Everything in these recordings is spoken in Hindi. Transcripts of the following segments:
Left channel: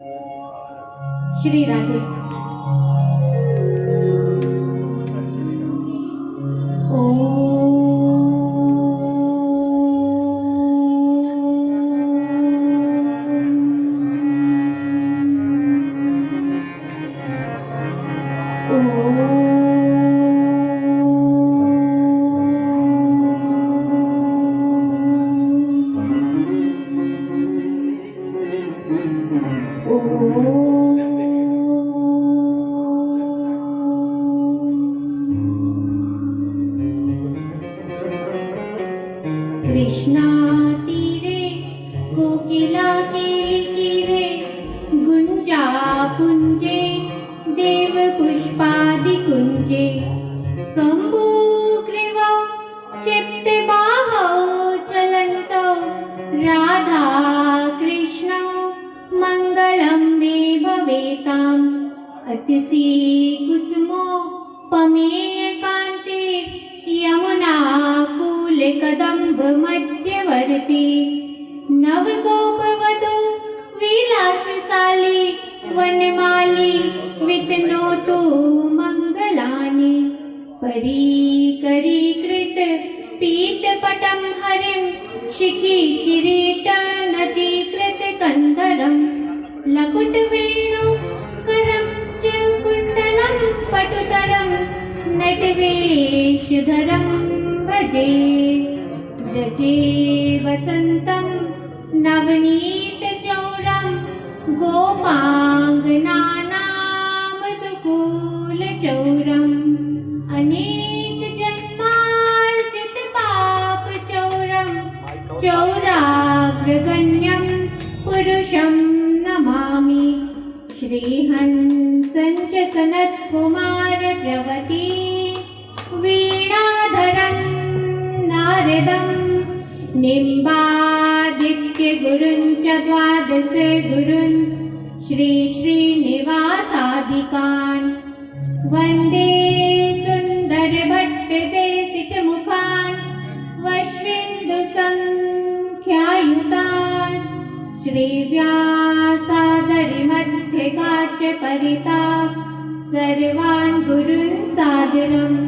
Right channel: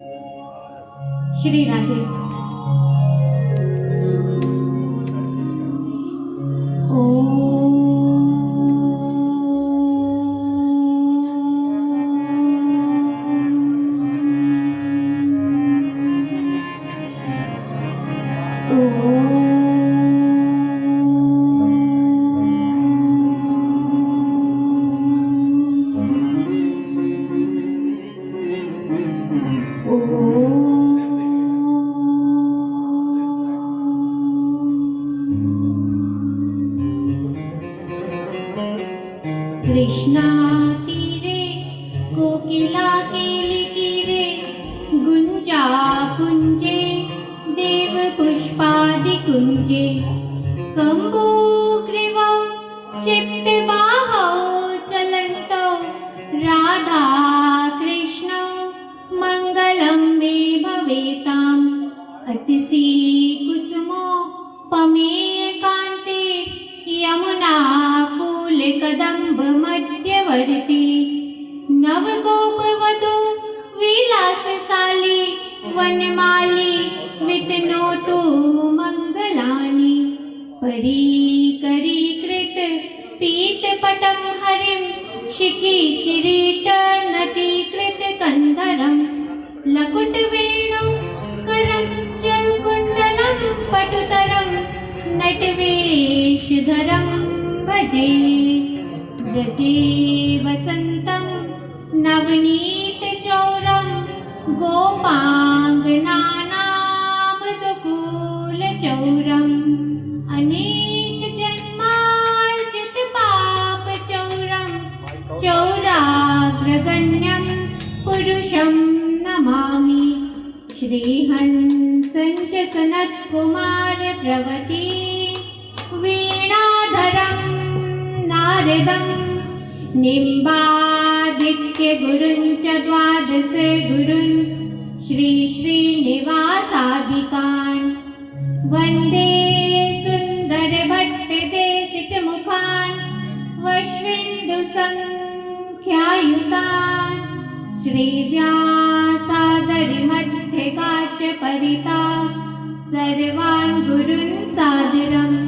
श्री राधे। कृष्णा तीरे कोकिला किलिकिरे गुंजा पुंजे देव पुष्पादि कुंजे कम्बुग्रीवौ चित्तबाहौ चलन्तौ राधा कृष्णौ मङ्गलं मे भवेताम् अतिशि कुसुमो पमेयकान्ते यमुना कूलकदम्ब मध्यवर्ती नवगोपवधू विलासशाली वनमाली वितनोतु मङ्गलानि परीकरीकृत पीतपटं हरिं शिखि किरीटनतीकृत कन्धरं लकुटवेणु करं जलकुण्डलं पटुतरं नटवेषधरं भजे व्रजे वसन्तं नवनीतचौरं गोपाङ्गनानामनुकूलचौरम् अनेकजन्मार्जितपापचौरं चौराग्रगण्यं पुरुषं नमामि श्रीहंसं च सनत्कुमारप्रवती वीणाधरं नारदं निम्बादित्यगुरुं च द्वादश गुरुन् श्रीश्रीनिवासादिकान् वन्दे सुन्दरभट्टदेशिकमुखान् वश्विन्दुसङ्ख्यायुतान् श्रीव्यासादरिमध्यगाचपरिता सर्वान् गुरुन् सादरम्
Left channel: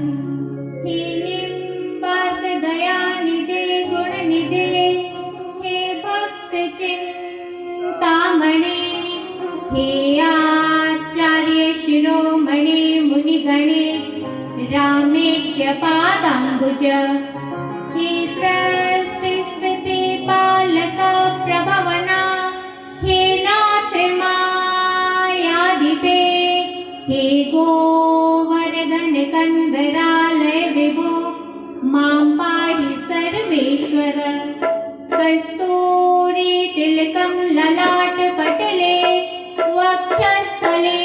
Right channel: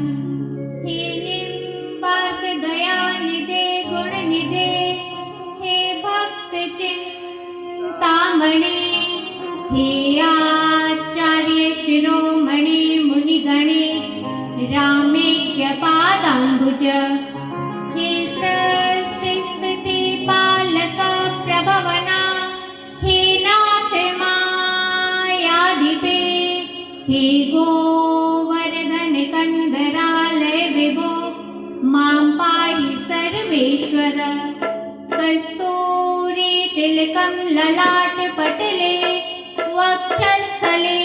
हे निम्बार्कदयानिधे गुणनिधे हे भक्तचिन्तामणे हे आचार्य शिरोमणे मुनिगणे रामेक्यपादाम्बुज हे सृष्टिस्थितिपालक प्रभवना हे नाथ मायाधिपे हे गोवर्धन कन्दरालय विभो मां पाहि सर्वेश्वर कस्तूरी तिलकं ललाटपटले वक्षस्थले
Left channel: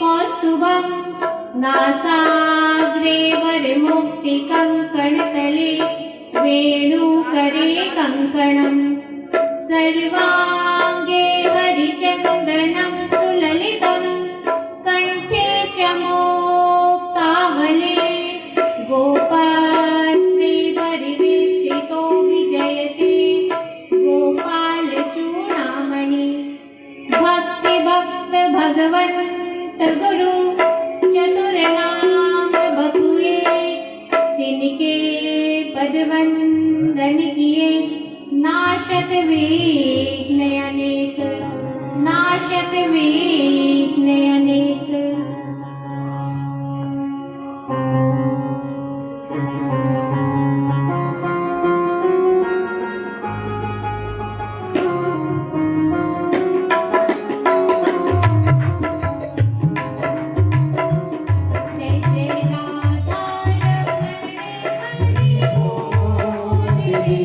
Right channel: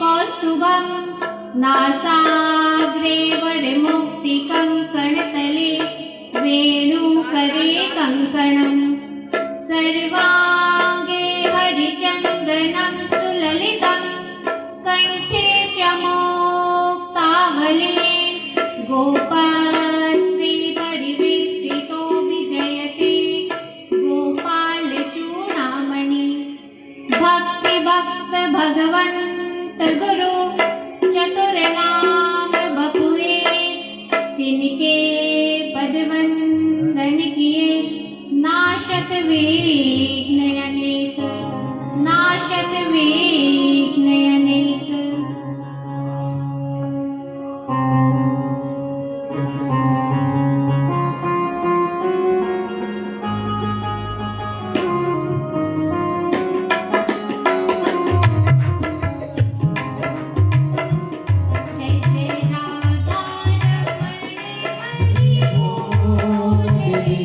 कौस्तुभं नासाग्रे वरमुक्तिकङ्कणतले वेणुकरे कङ्कणम् सर्वाङ्गे हरिचन्दनं सुललितं कण्ठे च मुक्तावले गोपस्त्रीपरिवेष्टितो विजयते गोपालचूडामणि भक्त भगवन्त गुरु चतुरनाम बपुए तिनके पदवन्दन किए नाशत विघ्न अनेक नाशत विघ्न अनेक। जय जय राधा रमण हरि बोल रे।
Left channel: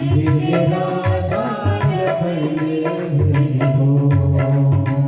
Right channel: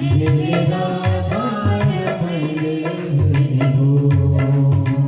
जय जय राधा रमण हरि बोल।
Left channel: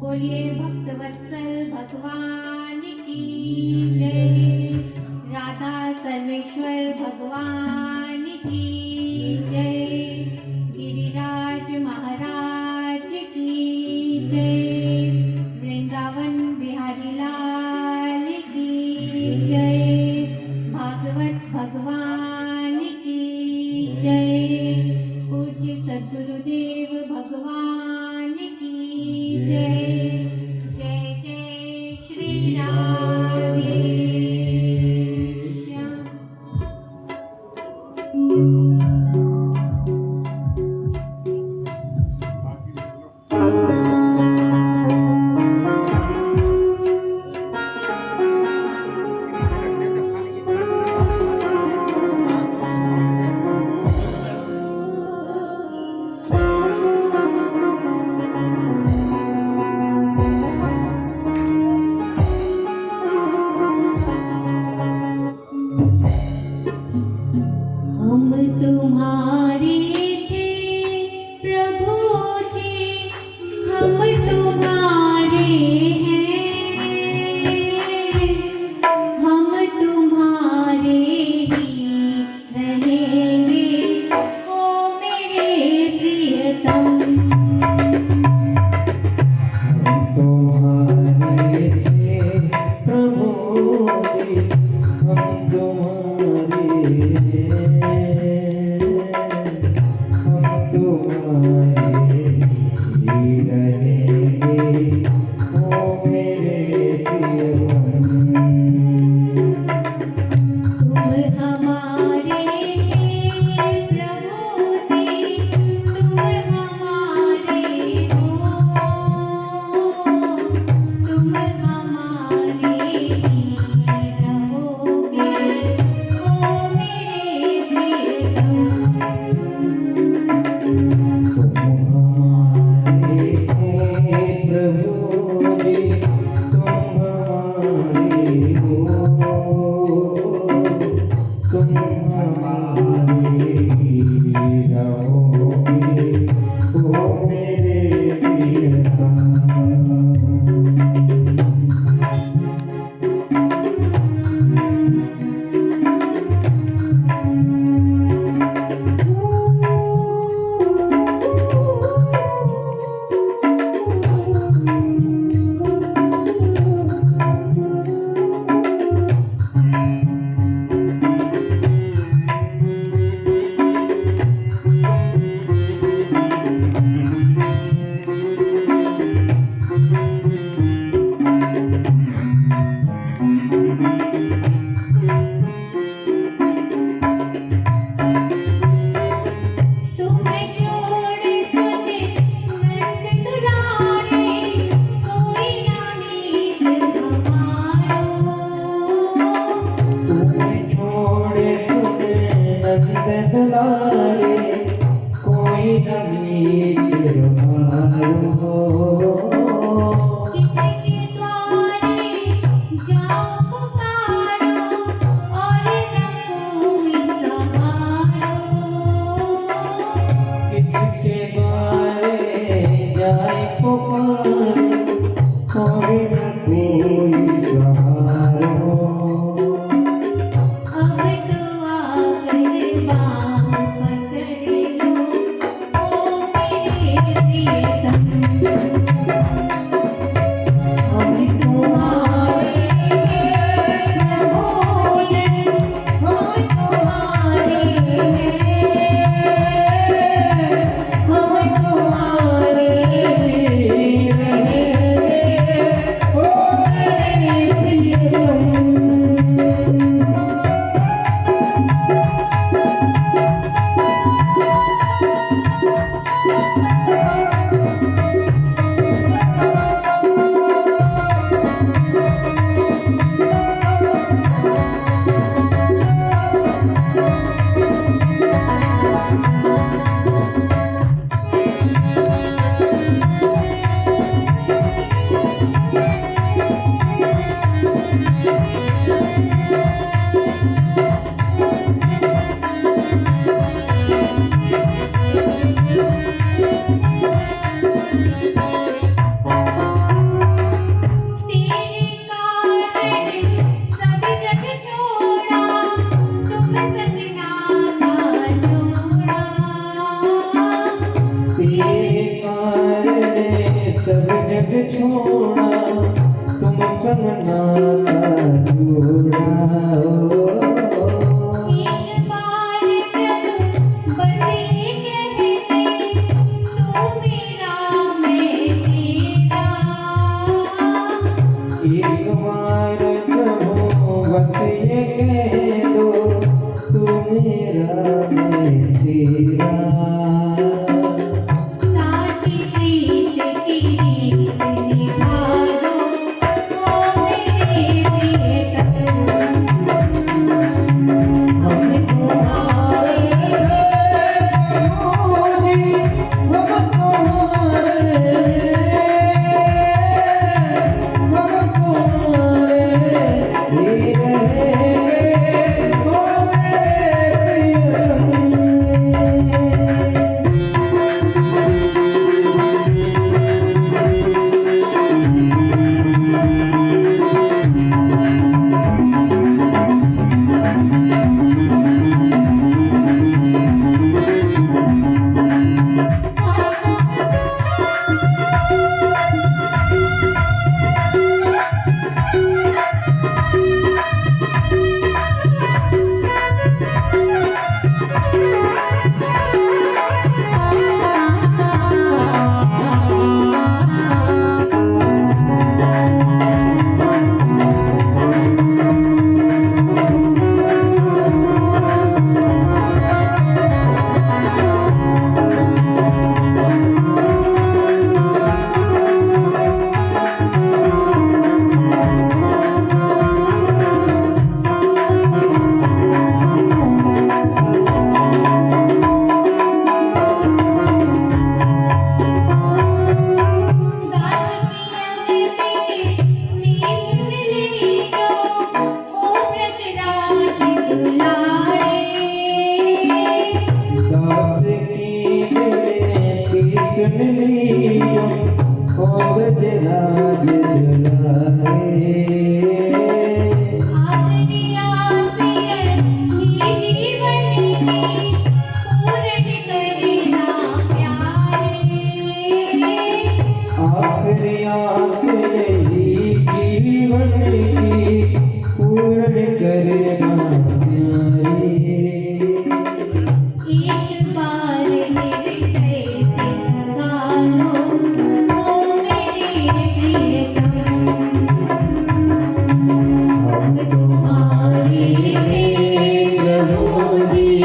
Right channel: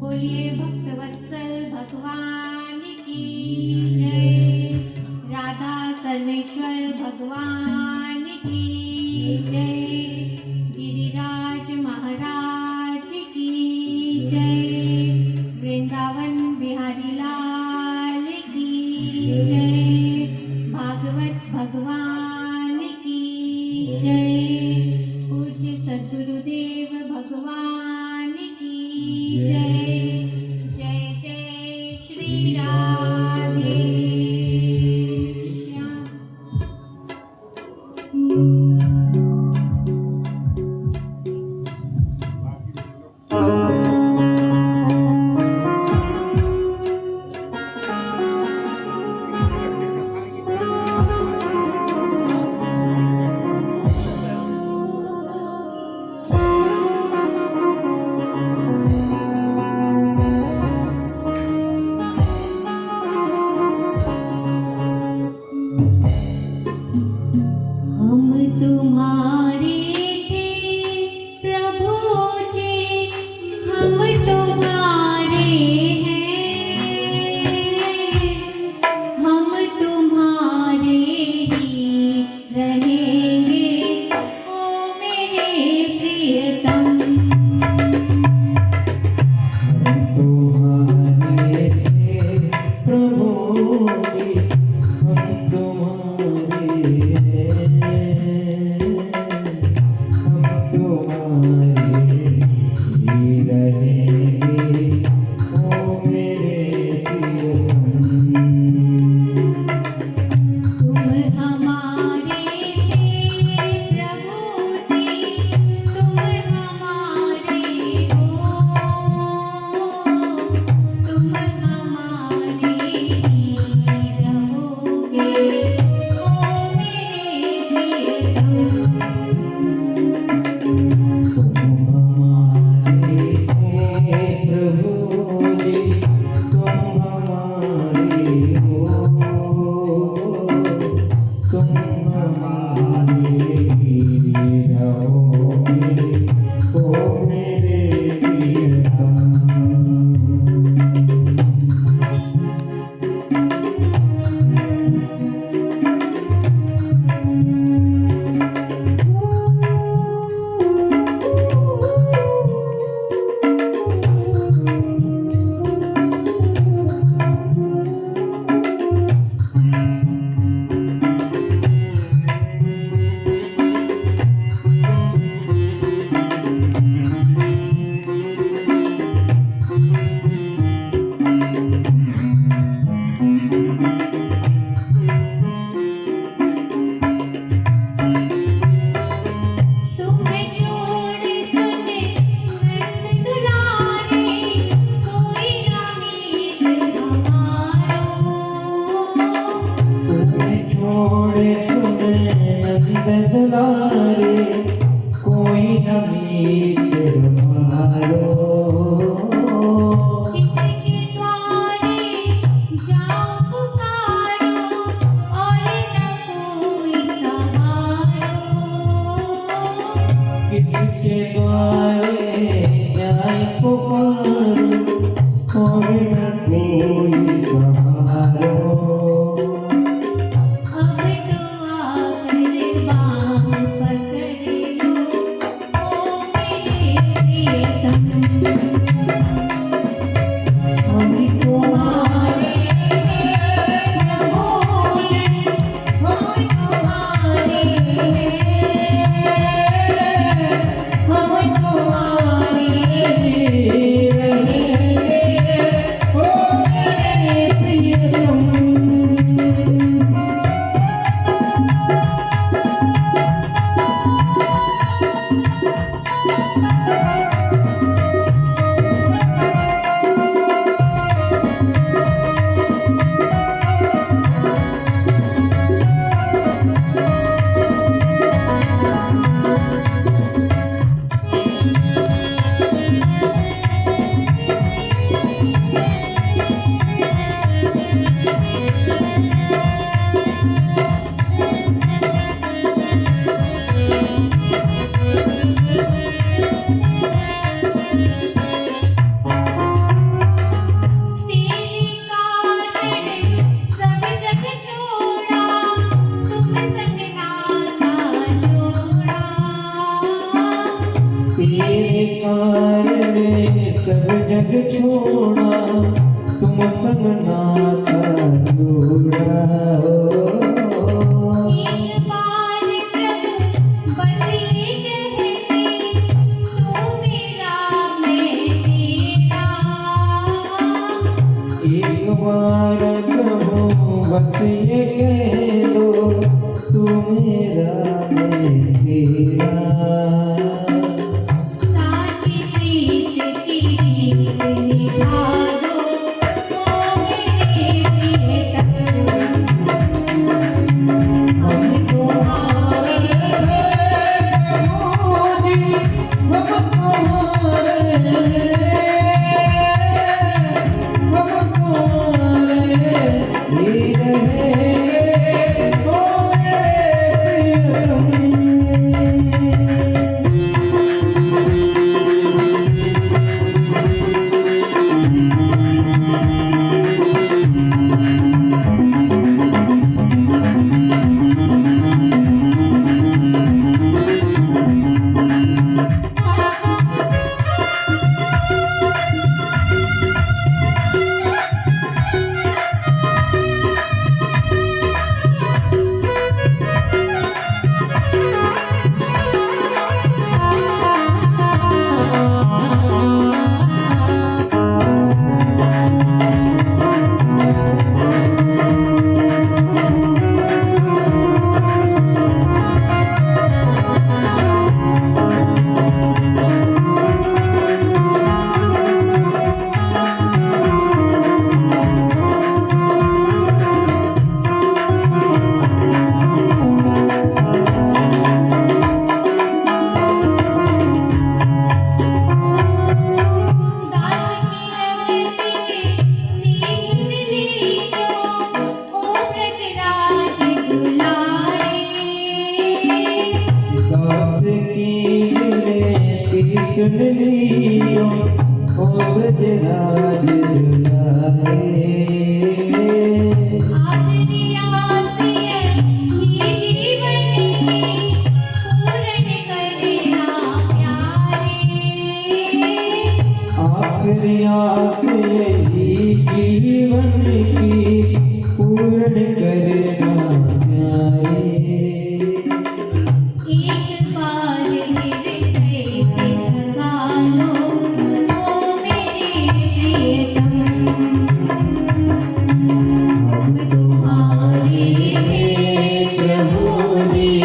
बोलिए भक्तवत्सल भगवान की जय, राधा सर्वेश्वर भगवान की जय, गिरिराज महाराज की जय, वृंदावन बिहारी लाल की जय, भागवत भगवान की जय, पूज्य सद्गुरुदेव भगवान की जय। जय जय श्री राधे श्याम। हम तुम्हारे थे प्रभु जी, हम तुम्हारे हैं, हम तुम्हारे ही रहेंगे ओ मेरे प्रियतम। तुम्हारे थे प्रभु जी, हम तुम्हारे हम तुम्हारे ही रहेंगे ओ मेरे प्रियतम। तुम हमारे थे प्रभु जी, तुम हमारे हो, तुम हमारे ही रहोगे ओ मेरे प्रियतम। तुम्हारे थे प्रभु जी, तुम हमारे हो, तुम हमारे ही रहोगे ओ मेरे प्रियतम। तुम्हें छोड़ सुने नंद दुलारे, कोई ना मीत हमारो। तुम्हें छोड़े सुने नंद दुलारे, कोई न मीत हमारो। किसके द्वारे जाऊं पुकारे, तेरे कारण सब जग छोड़ा तुम संग नाता जोड़ा तेरे कारण सब जग छोड़ा तुम संग नाता जोड़ा एक बार प्रभु बस ये कह दे तू मेरा मैं तेरा एक बार प्रभु बस ये कह दो तू मेरा मैं तेरा साची प्रीत तेरी निभा दो ओ मेरे प्रियतम हम तुम्हारे दास की विनती सुन लियो ओ ब्रजराज दुलारे आखिरी आस यही जीवन की पूर्ण करना प्यारे हम तुम्हारे प्रभु जी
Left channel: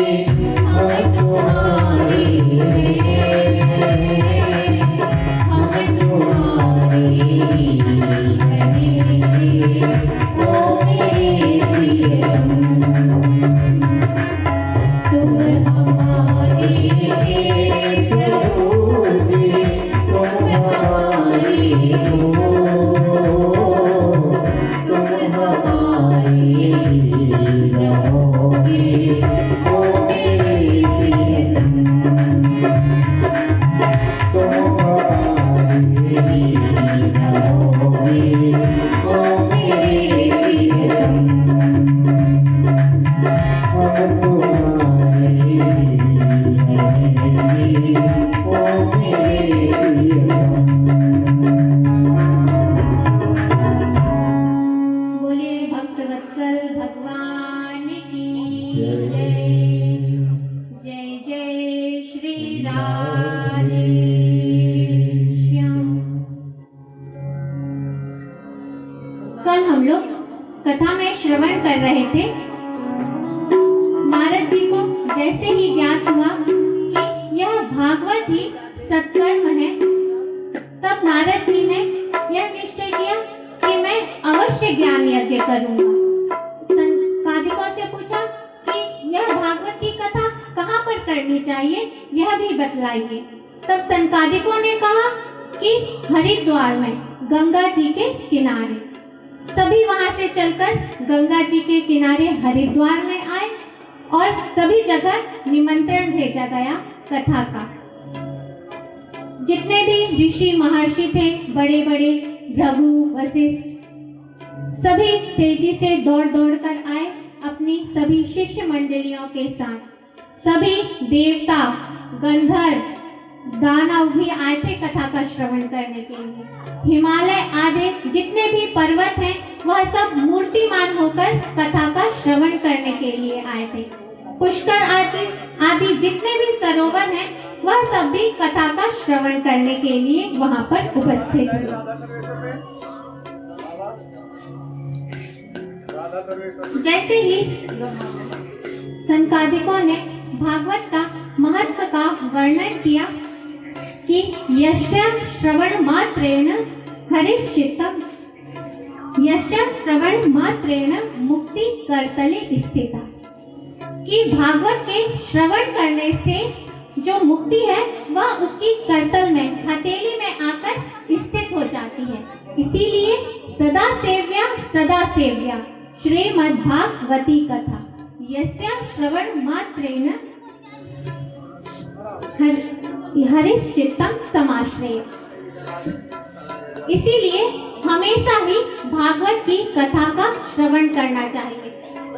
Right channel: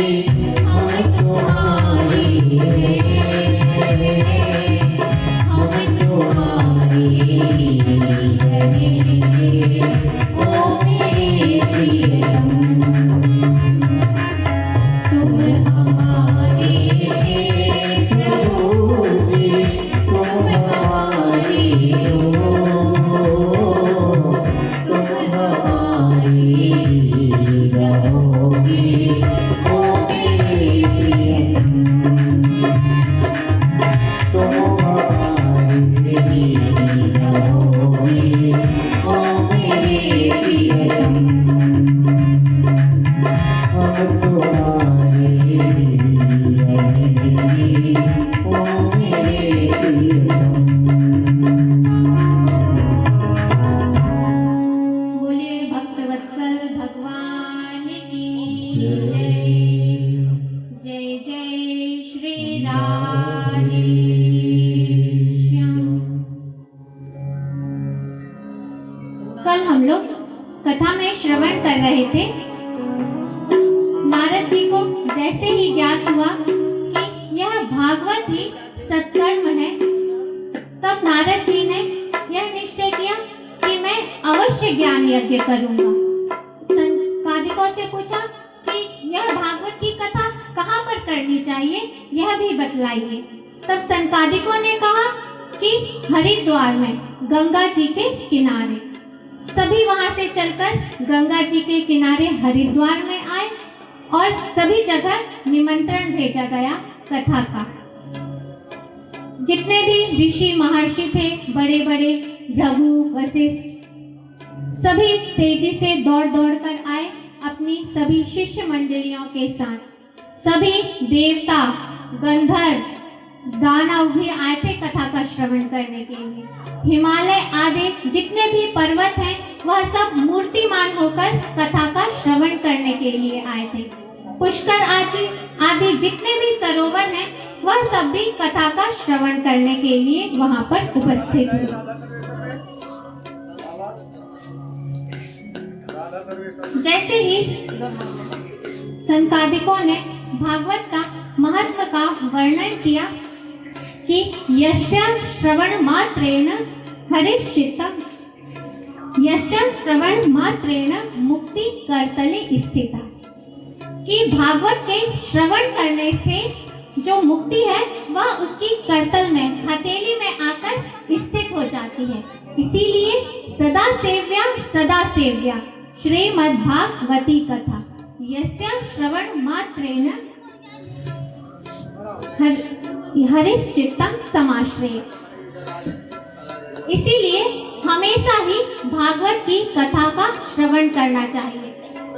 हम तुम्हारे हम तुम्हारे तुम हमारे प्रभु जी तुम हमारे तुम हमारे रहोगे ओ मेरे प्रियतम तुम हमारे रहोगे ओ मेरे प्रियतम हम तुम्हारे ओ मेरे प्रियतम बोलिए भक्त वत्सल भगवान की जय जय जय श्री राधे श्याम। कल हम लोग कथा में श्रवण कर रहे थे। नारद जी को जैसे ही ज्ञात हुआ कि यह भागवत ही सत्कर्म है, तब नारद जी ने यह निश्चय किया कि मैं अवश्य ज्ञान यज्ञ करूंगा। संकादिकों से पूछा कि यह भागवत की कथा कहाँ पर करनी चाहिए, यह भी बतलाइए। तब संकादिकों ने कहा कि हरिद्वार में गंगा जी के किनारे। सभी वहां से चलकर गंगा जी के किनारे हरिद्वार में आए और सभी जगह निमंत्रण भेजा गया कथा का। जितने भी ऋषि महर्षि थे, बड़े बड़े भृगु, वशिष्ठ, सभी तेजी से दौड़ दौड़ कर आए अपनी सभी शिष्य मंडलियों के साथ। सभी देवता, गंधर्व, दानव भी आए थे कथा का श्रवण करने के लिए। हिमालय आदि जितने भी पर्वत हैं वह सब मूर्तिमान होकर कथा का श्रवण करने के लिए आए थे। पुष्कर आदि जितने भी सरोवर हैं वह सब भी कथा का श्रवण करने के लिए वहां पर उपस्थित थे। जैसे ही सनकादिकों ने भागवत का महत्व का वर्णन किया कि यस्य श्रवण मात्रेण हरिश्चित्तम, यस्य श्रवण मात्रेण मुक्ति करतले स्थिता, कि भागवत के श्रवण करने से जो मुक्ति है वह उसकी करतल में, हथेली में आकर स्थित हो जाती है। इसीलिए सदा सेव्या श्रीमद्भागवती कथा यस्य श्रवण मात्रेण हरिश्चित्तम समाश्रय। इसीलिए हमेशा ही भागवत की कथा का श्रवण करना चाहिए।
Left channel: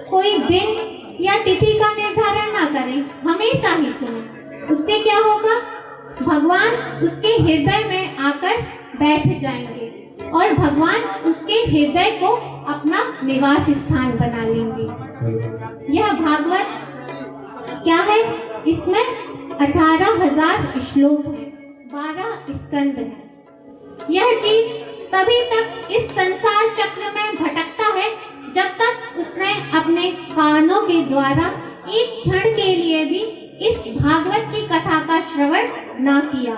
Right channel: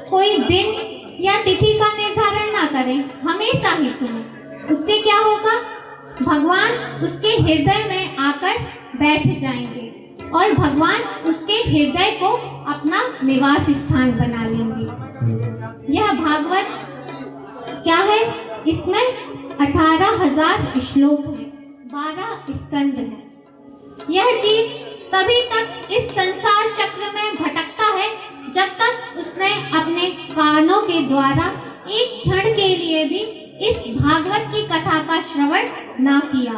कोई दिन या तिथि का निर्धारण ना करें, हमेशा ही सुने। उससे क्या होगा? भगवान उसके हृदय में आकर बैठ जाएंगे और भगवान उसके हृदय को अपना निवास स्थान बना लेंगे। यह भागवत क्या है? इसमें 18,000 श्लोक है, 12 स्कंद है। यह जीव तभी तक इस संसार चक्र में भटकता है जब तक उसने अपने कानों के द्वारा एक क्षण के लिए भी इस भागवत की कथा का श्रवण ना किया।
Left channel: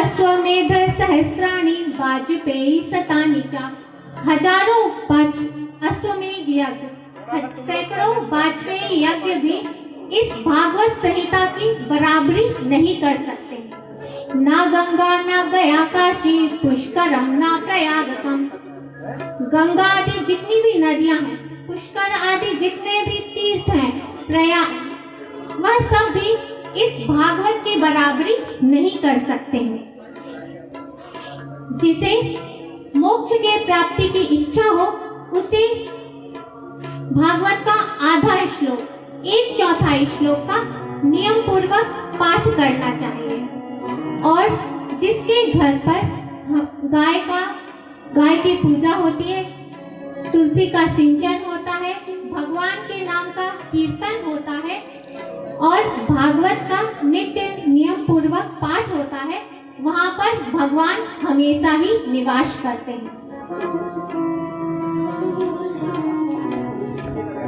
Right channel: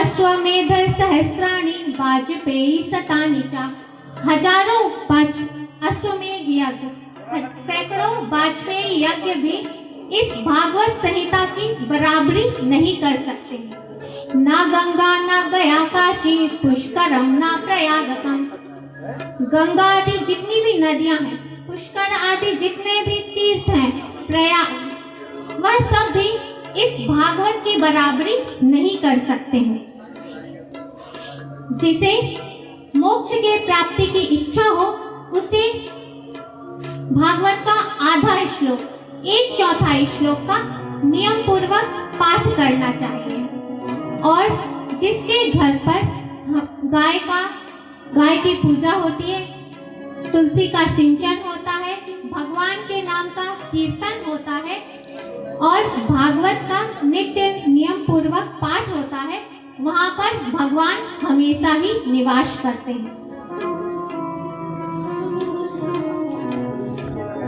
अश्वमेध सहस्त्राणि वाजपेयी शतानि च, हजारों अश्वमेध यज्ञ, सैकड़ों वाजपेयी यज्ञ भी इस भागवत संहिता की बराबरी नहीं कर सकते। ना गंगा ना गया काशी, पुष्करम ना प्रयागकम। गंगा आदि जितनी भी नदियां हैं, पुष्कर आदि जितने भी तीर्थ हैं, प्रयाग, वह सब भी इस भागवत की बराबरी नहीं कर सकते हैं। जिसे मोक्ष के प्राप्ति की इच्छा हो उसे भागवत का आधा श्लोक, 1/4 श्लोक का नियम पूर्वक पाठ करना चाहिए। और जिसके घर पर गाय की पूजा होती है, तुलसी का सिंचन होता है, भगवान के नाम का कीर्तन होता है और भागवत का नित्य नियम पूर्वक पाठ होता है, वहां पर भगवान हमेशा ही निवास करते हैं।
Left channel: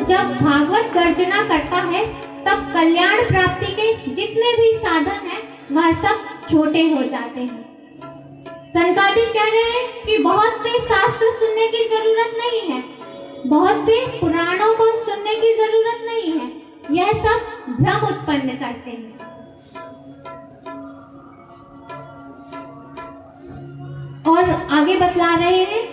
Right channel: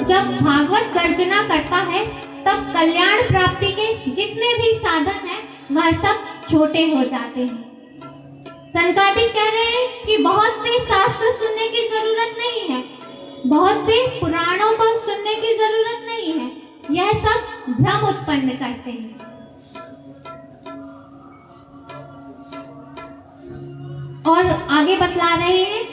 जब भागवत गर्जना करता है तब कल्याण प्राप्ति के जितने भी साधन हैं वह सब छोटे हो जाते हैं। सनकादिक कह रहे हैं कि बहुत से शास्त्र सुनने की जरूरत नहीं है, बहुत से पुराणों को सुनने की जरूरत नहीं है, यह सब भ्रम उत्पन्न करते हैं। और आगे बतला रहे हैं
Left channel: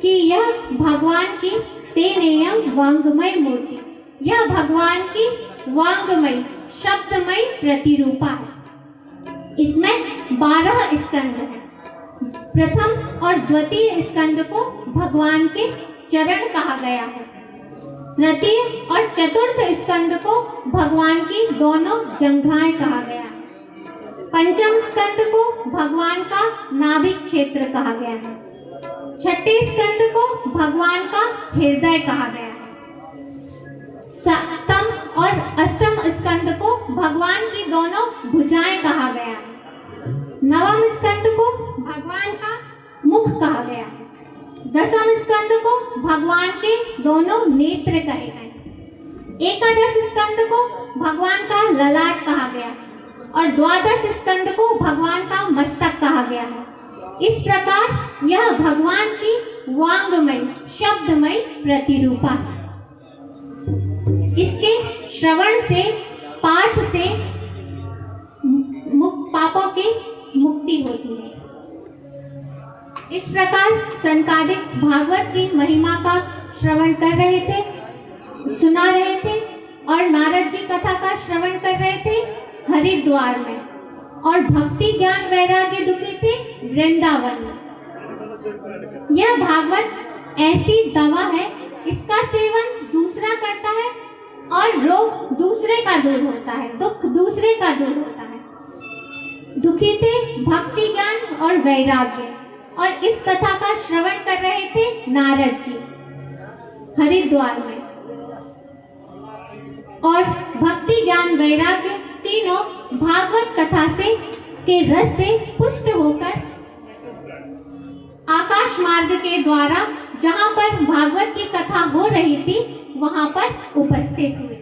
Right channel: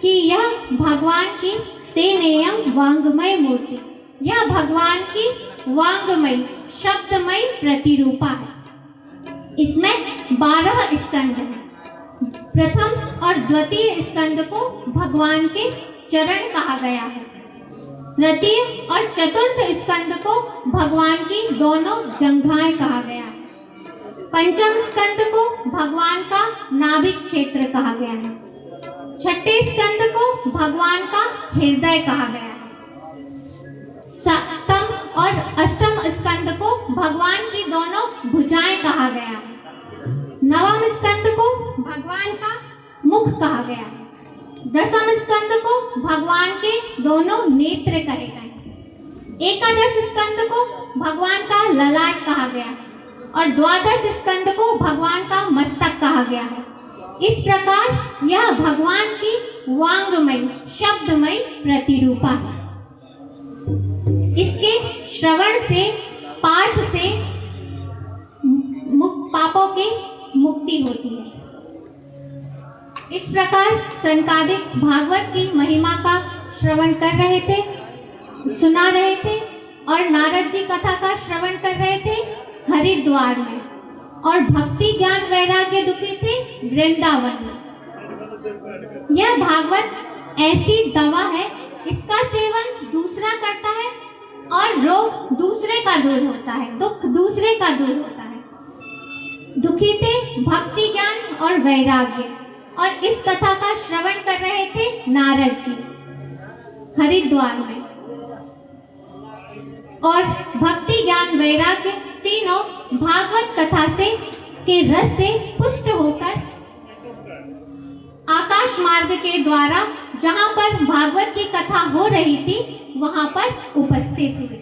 कि यह भगवान की तेनेयम वांगमय मूर्ति, यह भगवान की वांगमय शब्दमय प्रतिरूपा है। इसमें 12 स्कंद हैं। प्रथम और द्वितीय स्कंद को भगवान के चरण कहा गया है। तृतीय और चतुर्थ स्कंद को भगवान की दोनों जंघाएं कहा गया है। पंचम स्कंद को भगवान का नाभिक क्षेत्र कहा गया है। छठे स्कंद को भगवान का हृदय कहा गया है। सप्तम और अष्टम स्कंद को भगवान की दोनों भुजाएं कहा गया है। नवम स्कंद को भगवान का मुख कहा गया है। दसम स्कंद को भगवान के दोनों नेत्र कहे गए। एकादश स्कंद को भगवान का ललाट कहा गया है और द्वादश स्कंद को भगवान का मस्तक कहा गया है। इस प्रकार यह भगवान की वांगमय शब्दमय प्रतिरूपा है। इसके श्रवण से, पाठ से पापों की मुक्ति होती है। इस प्रकार सनकादिक भागवत की महिमा का श्रवण कर रहे थे, सुना रहे थे और नारद जी कथा का श्रवण कर रहे थे हरिद्वार में, और भक्ति ज्ञान वैराग्य दुखी थे वृंदावन में। यह भागवत ऐसी दवा है, इसका सेवन दूसरा करता है और रोग दूसरे का दूर होता है, दुख दूसरे का दूर होता है। दुखी थे भक्ति ज्ञान और वैराग्य, और इस कथा का श्रवण कर रहे थे नारद जी हरिद्वार में। और भक्ति ज्ञान वैराग्य तीनों भागवत कथा से के रस से पुष्ट होकर आकाश मार्ग के द्वारा जहां पर भागवत की कथा हो रही थी वहां पर उपस्थित हुए।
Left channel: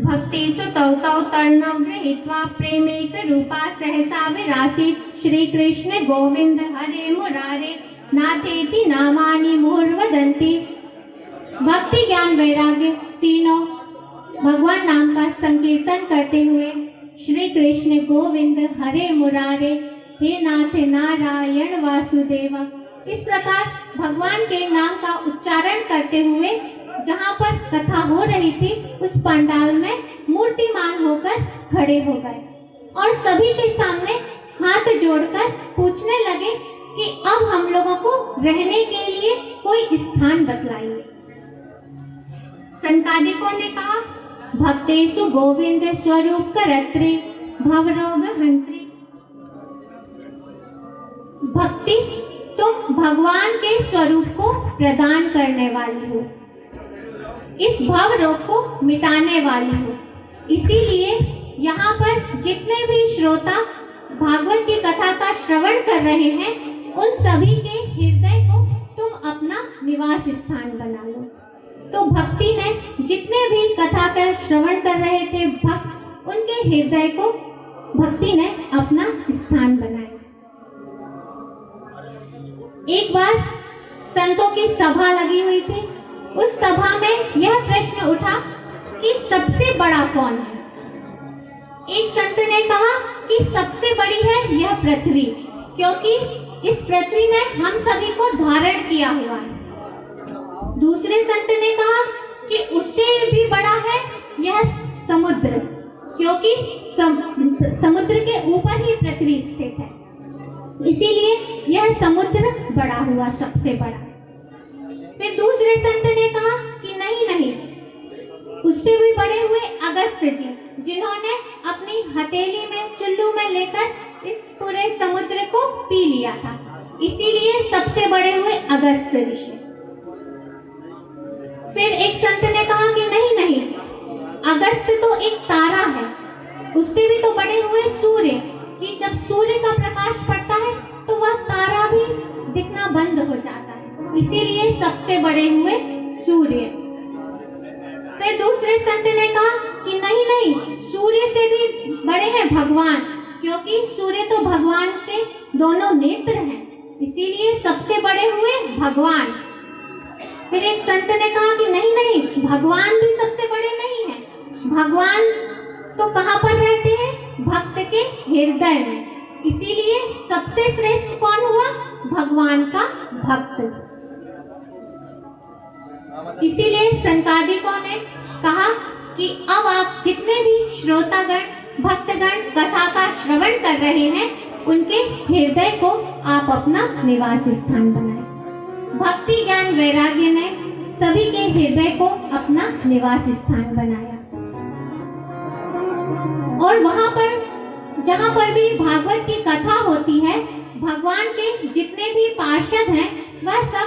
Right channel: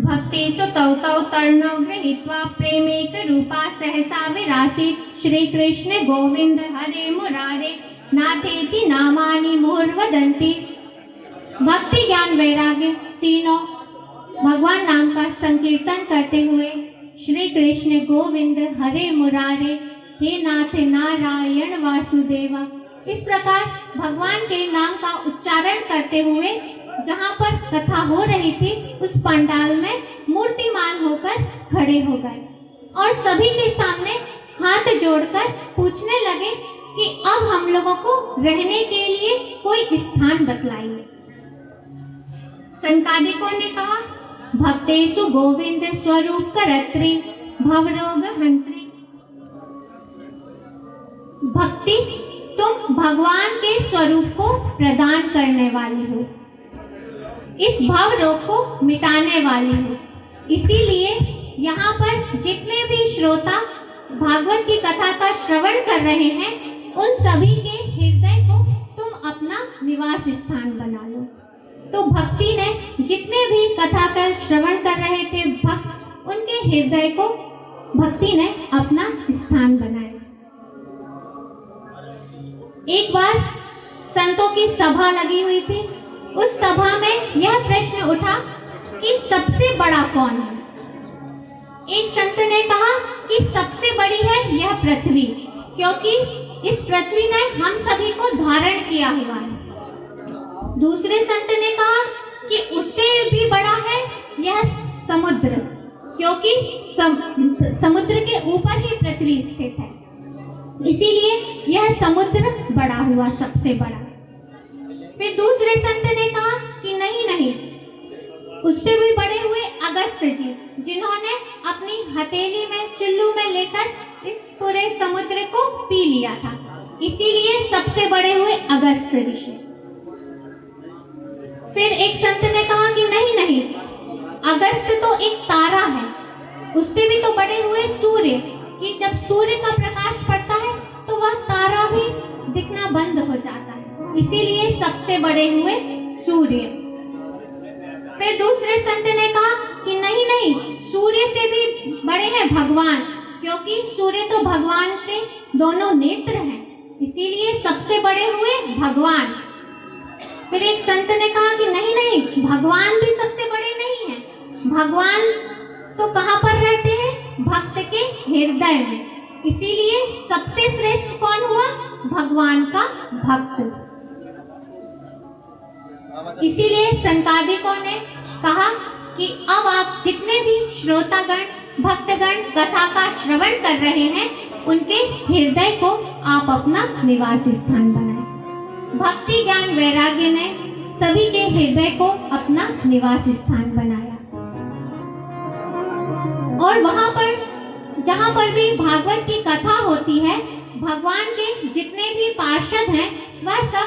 भक्तेषु तौ तौ तरणौ गृहीत्वा प्रेमैक रूपा सहसा विरासीत् श्री कृष्ण गोविंद हरे मुरारे नाथेति नामानि मुहुर्वदन्ति। भक्ति ज्ञान वैराग्य तीनों भगवान नाम का संकीर्तन करते हुए श्री कृष्ण गोविंद हरे मुरारे हे नाथ नारायण वासुदेवा, इस प्रकार भगवान के नाम का उच्चारण करते हुए जहाँ पर कथा हो रही थी उस पंडाल में मूर्तिमान होकर खड़े हो गए और सभी के सामने हाथ जोड़कर पूछने लगे कि अब हम लोगों को रहने के लिए कोई स्थान बतलाइए। सनकादिकों ने कहा, भक्तेषु गोविंद स्वरूप करत्री भवरोग हंत्री। भक्ति तुम भगवान के स्वरूप को प्रदान करने वाली हो, इस भव रोग को मिटाने वाली हो। इसीलिए यहाँ पर जितने भी श्रोता भागवत की कथा का श्रवण कर रहे हैं उन सभी के हृदय को तुम अपना निवास स्थान बना लो। तो भक्ति ने जितने भी कथा का श्रवण कर रहे थे भक्त, उनके हृदय को भक्ति ने अपना स्थान बनाया। एक बार संतों की सभा लगी हुई थी, उस सभा में यह प्रश्न उठा कि सबसे बड़ा कौन है। एक संत ने कहा कि सबसे बड़ी है यह पृथ्वी, क्योंकि इस पृथ्वी ने हम सभी को धारण किया हुआ है। दूसरे संत ने कहा कि उससे भी बड़ा है यह समुद्र, क्योंकि समुद्र के ऊपर ही पृथ्वी स्थित है, इसीलिए यह समुद्र बड़ा हुआ सबसे बड़ा। फिर दूसरे संत ने कहा कि नहीं, उससे भी बड़े हुए अगस्त जी, जिन्होंने अपनी हथेली में चुल्लू में लेकर इस पूरे समुद्र को पी लिया था, इसीलिए सबसे बड़े हुए अगस्त ऋषि। फिर एक संत ने कहा कि नहीं, अगस्त तो एक तारा है, उससे भी तो बड़े हुए सूर्य, कि जब सूर्य का प्रकाश पड़ता है तो वह तारा भी दिखना बंद हो जाता है, इसीलिए सबसे बड़े हुए सूर्य। फिर दूसरे संत ने कहा कि नहीं, सूर्य से भी बड़े हैं भगवान, क्योंकि सूर्य तो भगवान के दोनों नेत्र हैं, इसीलिए सबसे बड़े हुए भगवान। फिर एक संत ने कहा कि नहीं, भगवान भी सबसे बड़े नहीं हैं, भगवान तो कहाँ पर रहते हैं? भक्त के हृदय में, इसीलिए सबसे श्रेष्ठ कौन हुआ? भगवान का भक्त। इसीलिए सनकादिकों ने कहा कि अब आप जितने भी श्रोतागण भक्तगण कथा का श्रवण कर रहे हैं उनके हृदय को आप अपना निवास स्थान बनाएं। भक्ति ज्ञान वैराग्य ने सभी के हृदय को अपना निवास स्थान बनाया, और वहां पर जहां पर भी भागवत की कथा होती है, भगवान के जितने भी पार्षद हैं वह सब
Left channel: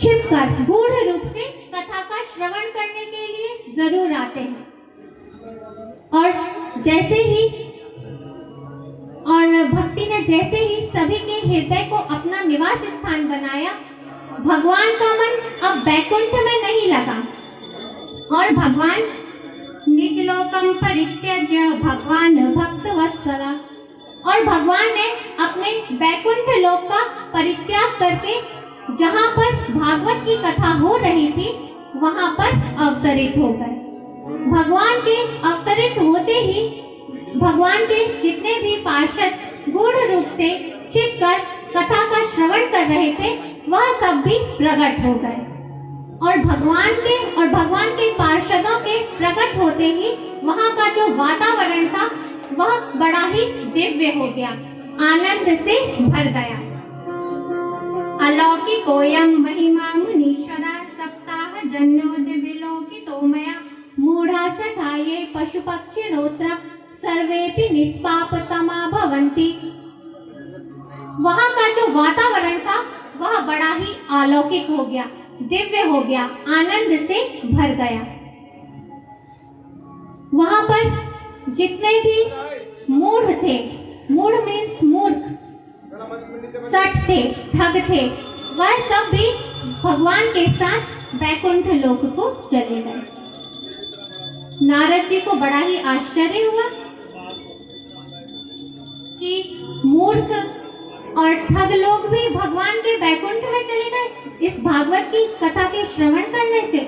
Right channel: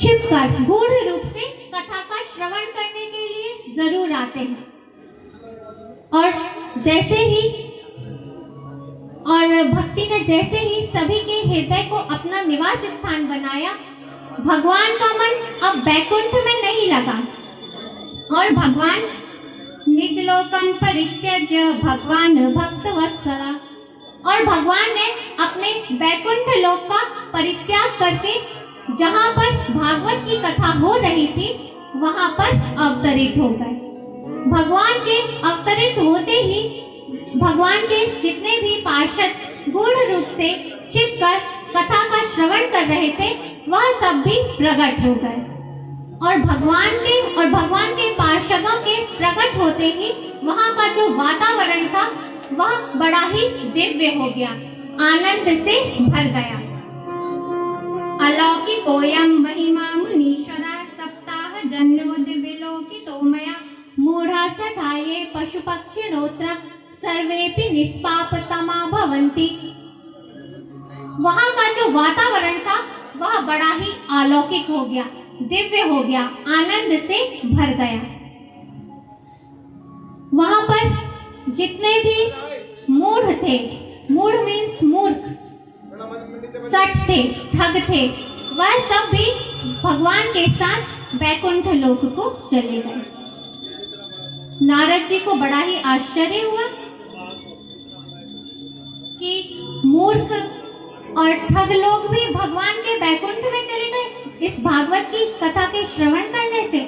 छिपकर गूढ़ रूप से कथा का श्रवण करने के लिए जरूर आते हैं। और भक्ति ने जैसे ही सभी के हृदय को अपना निवास स्थान बनाया, भगवान का मन अब वैकुंठ में नहीं लगा और भगवान निज लोकम परित्यज्य भगवान भक्त वत्सला, और भगवान ने अपने वैकुंठ लोक का परित्याग करके जहाँ पर भागवत की कथा हो रही थी वहां पर अवतरित हो गए। भगवान के अवतरित होते ही भगवान के जितने भी पार्षद गूढ़ रूप से छिपकर कथा का श्रवण कर रहे थे वह सब भी प्रकट हो गए और भगवान के पार्षदों के प्रकट होते ही वहां का जो वातावरण था वह बड़ा ही दिव्य हो गया, आनंद से भर गया। अलौकिकोऽयं महिमा मुनीश्वरा सप्ताह जन्यो दिव्यलोकितो मया मूढ़ा सठाये पशुपक्षिणोत्र सर्वेपि निष्पापतमा भवन्ति। वहां का जो वातावरण था वह बड़ा ही अलौकिक हो गया, दिव्य हो गया, आनंद से भर गया। वहां पर जितने भी मूढ़ थे, मूढ़ मीन्स मूर्ख, सठ थे, ठग थे, वह सब भी भगवान के साथ वैकुंठ लोक को चले गए। नारद जी को बड़ा ही आश्चर्य हुआ कि मूर्ख और ठग लोग भी भगवान के वैकुंठ में चले गए इस भागवत की कथा के श्रवण करने से।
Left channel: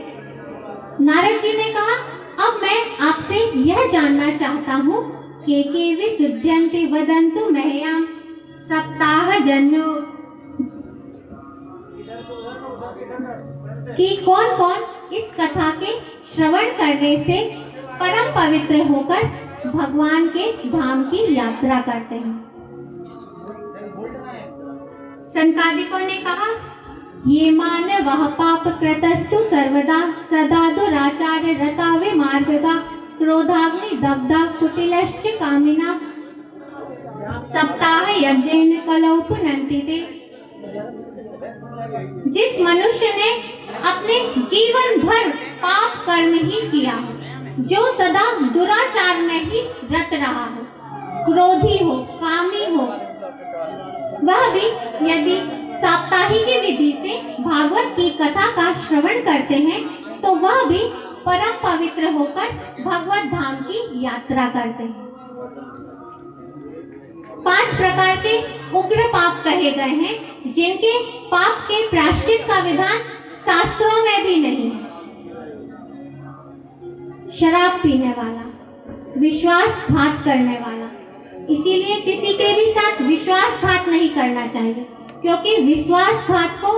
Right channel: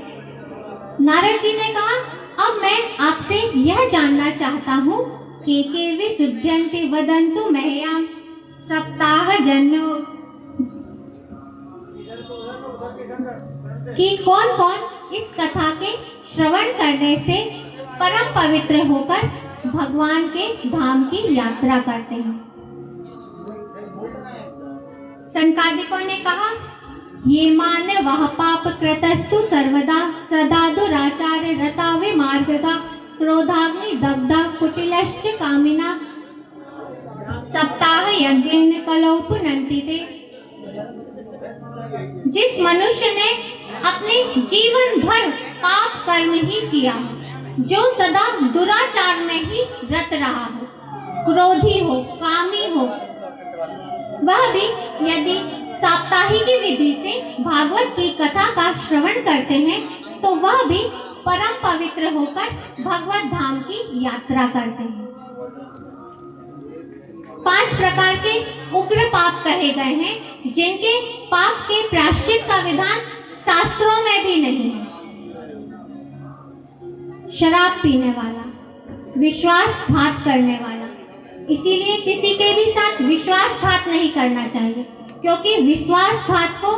नारद जी ने कहा, अब मैं आपसे यह जानना चाहता हूँ के विशुद्ध्यन्ति वदन्तु मह्यं सप्ताह जन्यो, कि कौन कौन इस कथा के श्रवण करने से परम पवित्र होकर भगवान के धाम की यात्रा करते हैं। संकादिकों ने कहा, ये मानवः पाप कृतस्तु सर्वदा सदा दुराचार्य रता विमार्गगा क्रोधाग्नि दग्धा कुटिलश्च कामिना सप्ताह यज्ञेन कलौ पुनन्ति ते। जिस मनुष्य ने अपने जीवन भर पाप कर्म ही किया, जो सदा दुराचार में ही रत रहा हो, क्रोधी हो, कामी हो, वह भी यदि साप्ताहिक विधि से भागवत की कथा का श्रवण करते हैं तो वह भी परम पवित्र होकर भगवत धाम की यात्रा करते हैं। 5 प्रकार के उग्र पाप कहे गए हैं जिनके पाप के प्रायश्चित का विधान शास्त्रों में भी नहीं है। शराब पीने वाला, विश्वासघात करने वाला, इसीलिए किसी के भी साथ विश्वासघात नहीं करना चाहिए, क्योंकि विश्वासघात को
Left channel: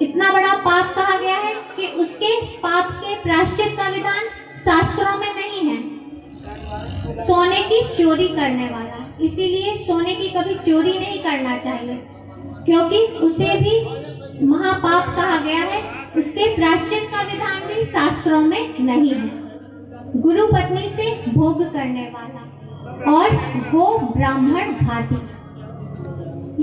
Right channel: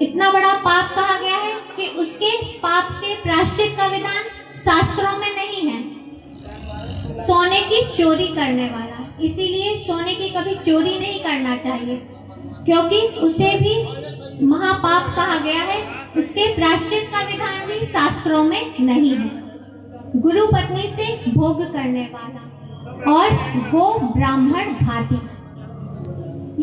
इतना बड़ा पाप कहा गया है कि उसके पाप के प्रायश्चित का विधान शास्त्रों में नहीं है। सोने की चोरी करने वाला, इसीलिए सोने की कभी चोरी नहीं करना चाहिए, क्योंकि उसे भी महापाप कहा गया है, उसके प्रायश्चित का विधान भी शास्त्रों में नहीं है। गुरु पत्नी से भोग करने वाला और गो ब्राह्मण घाती,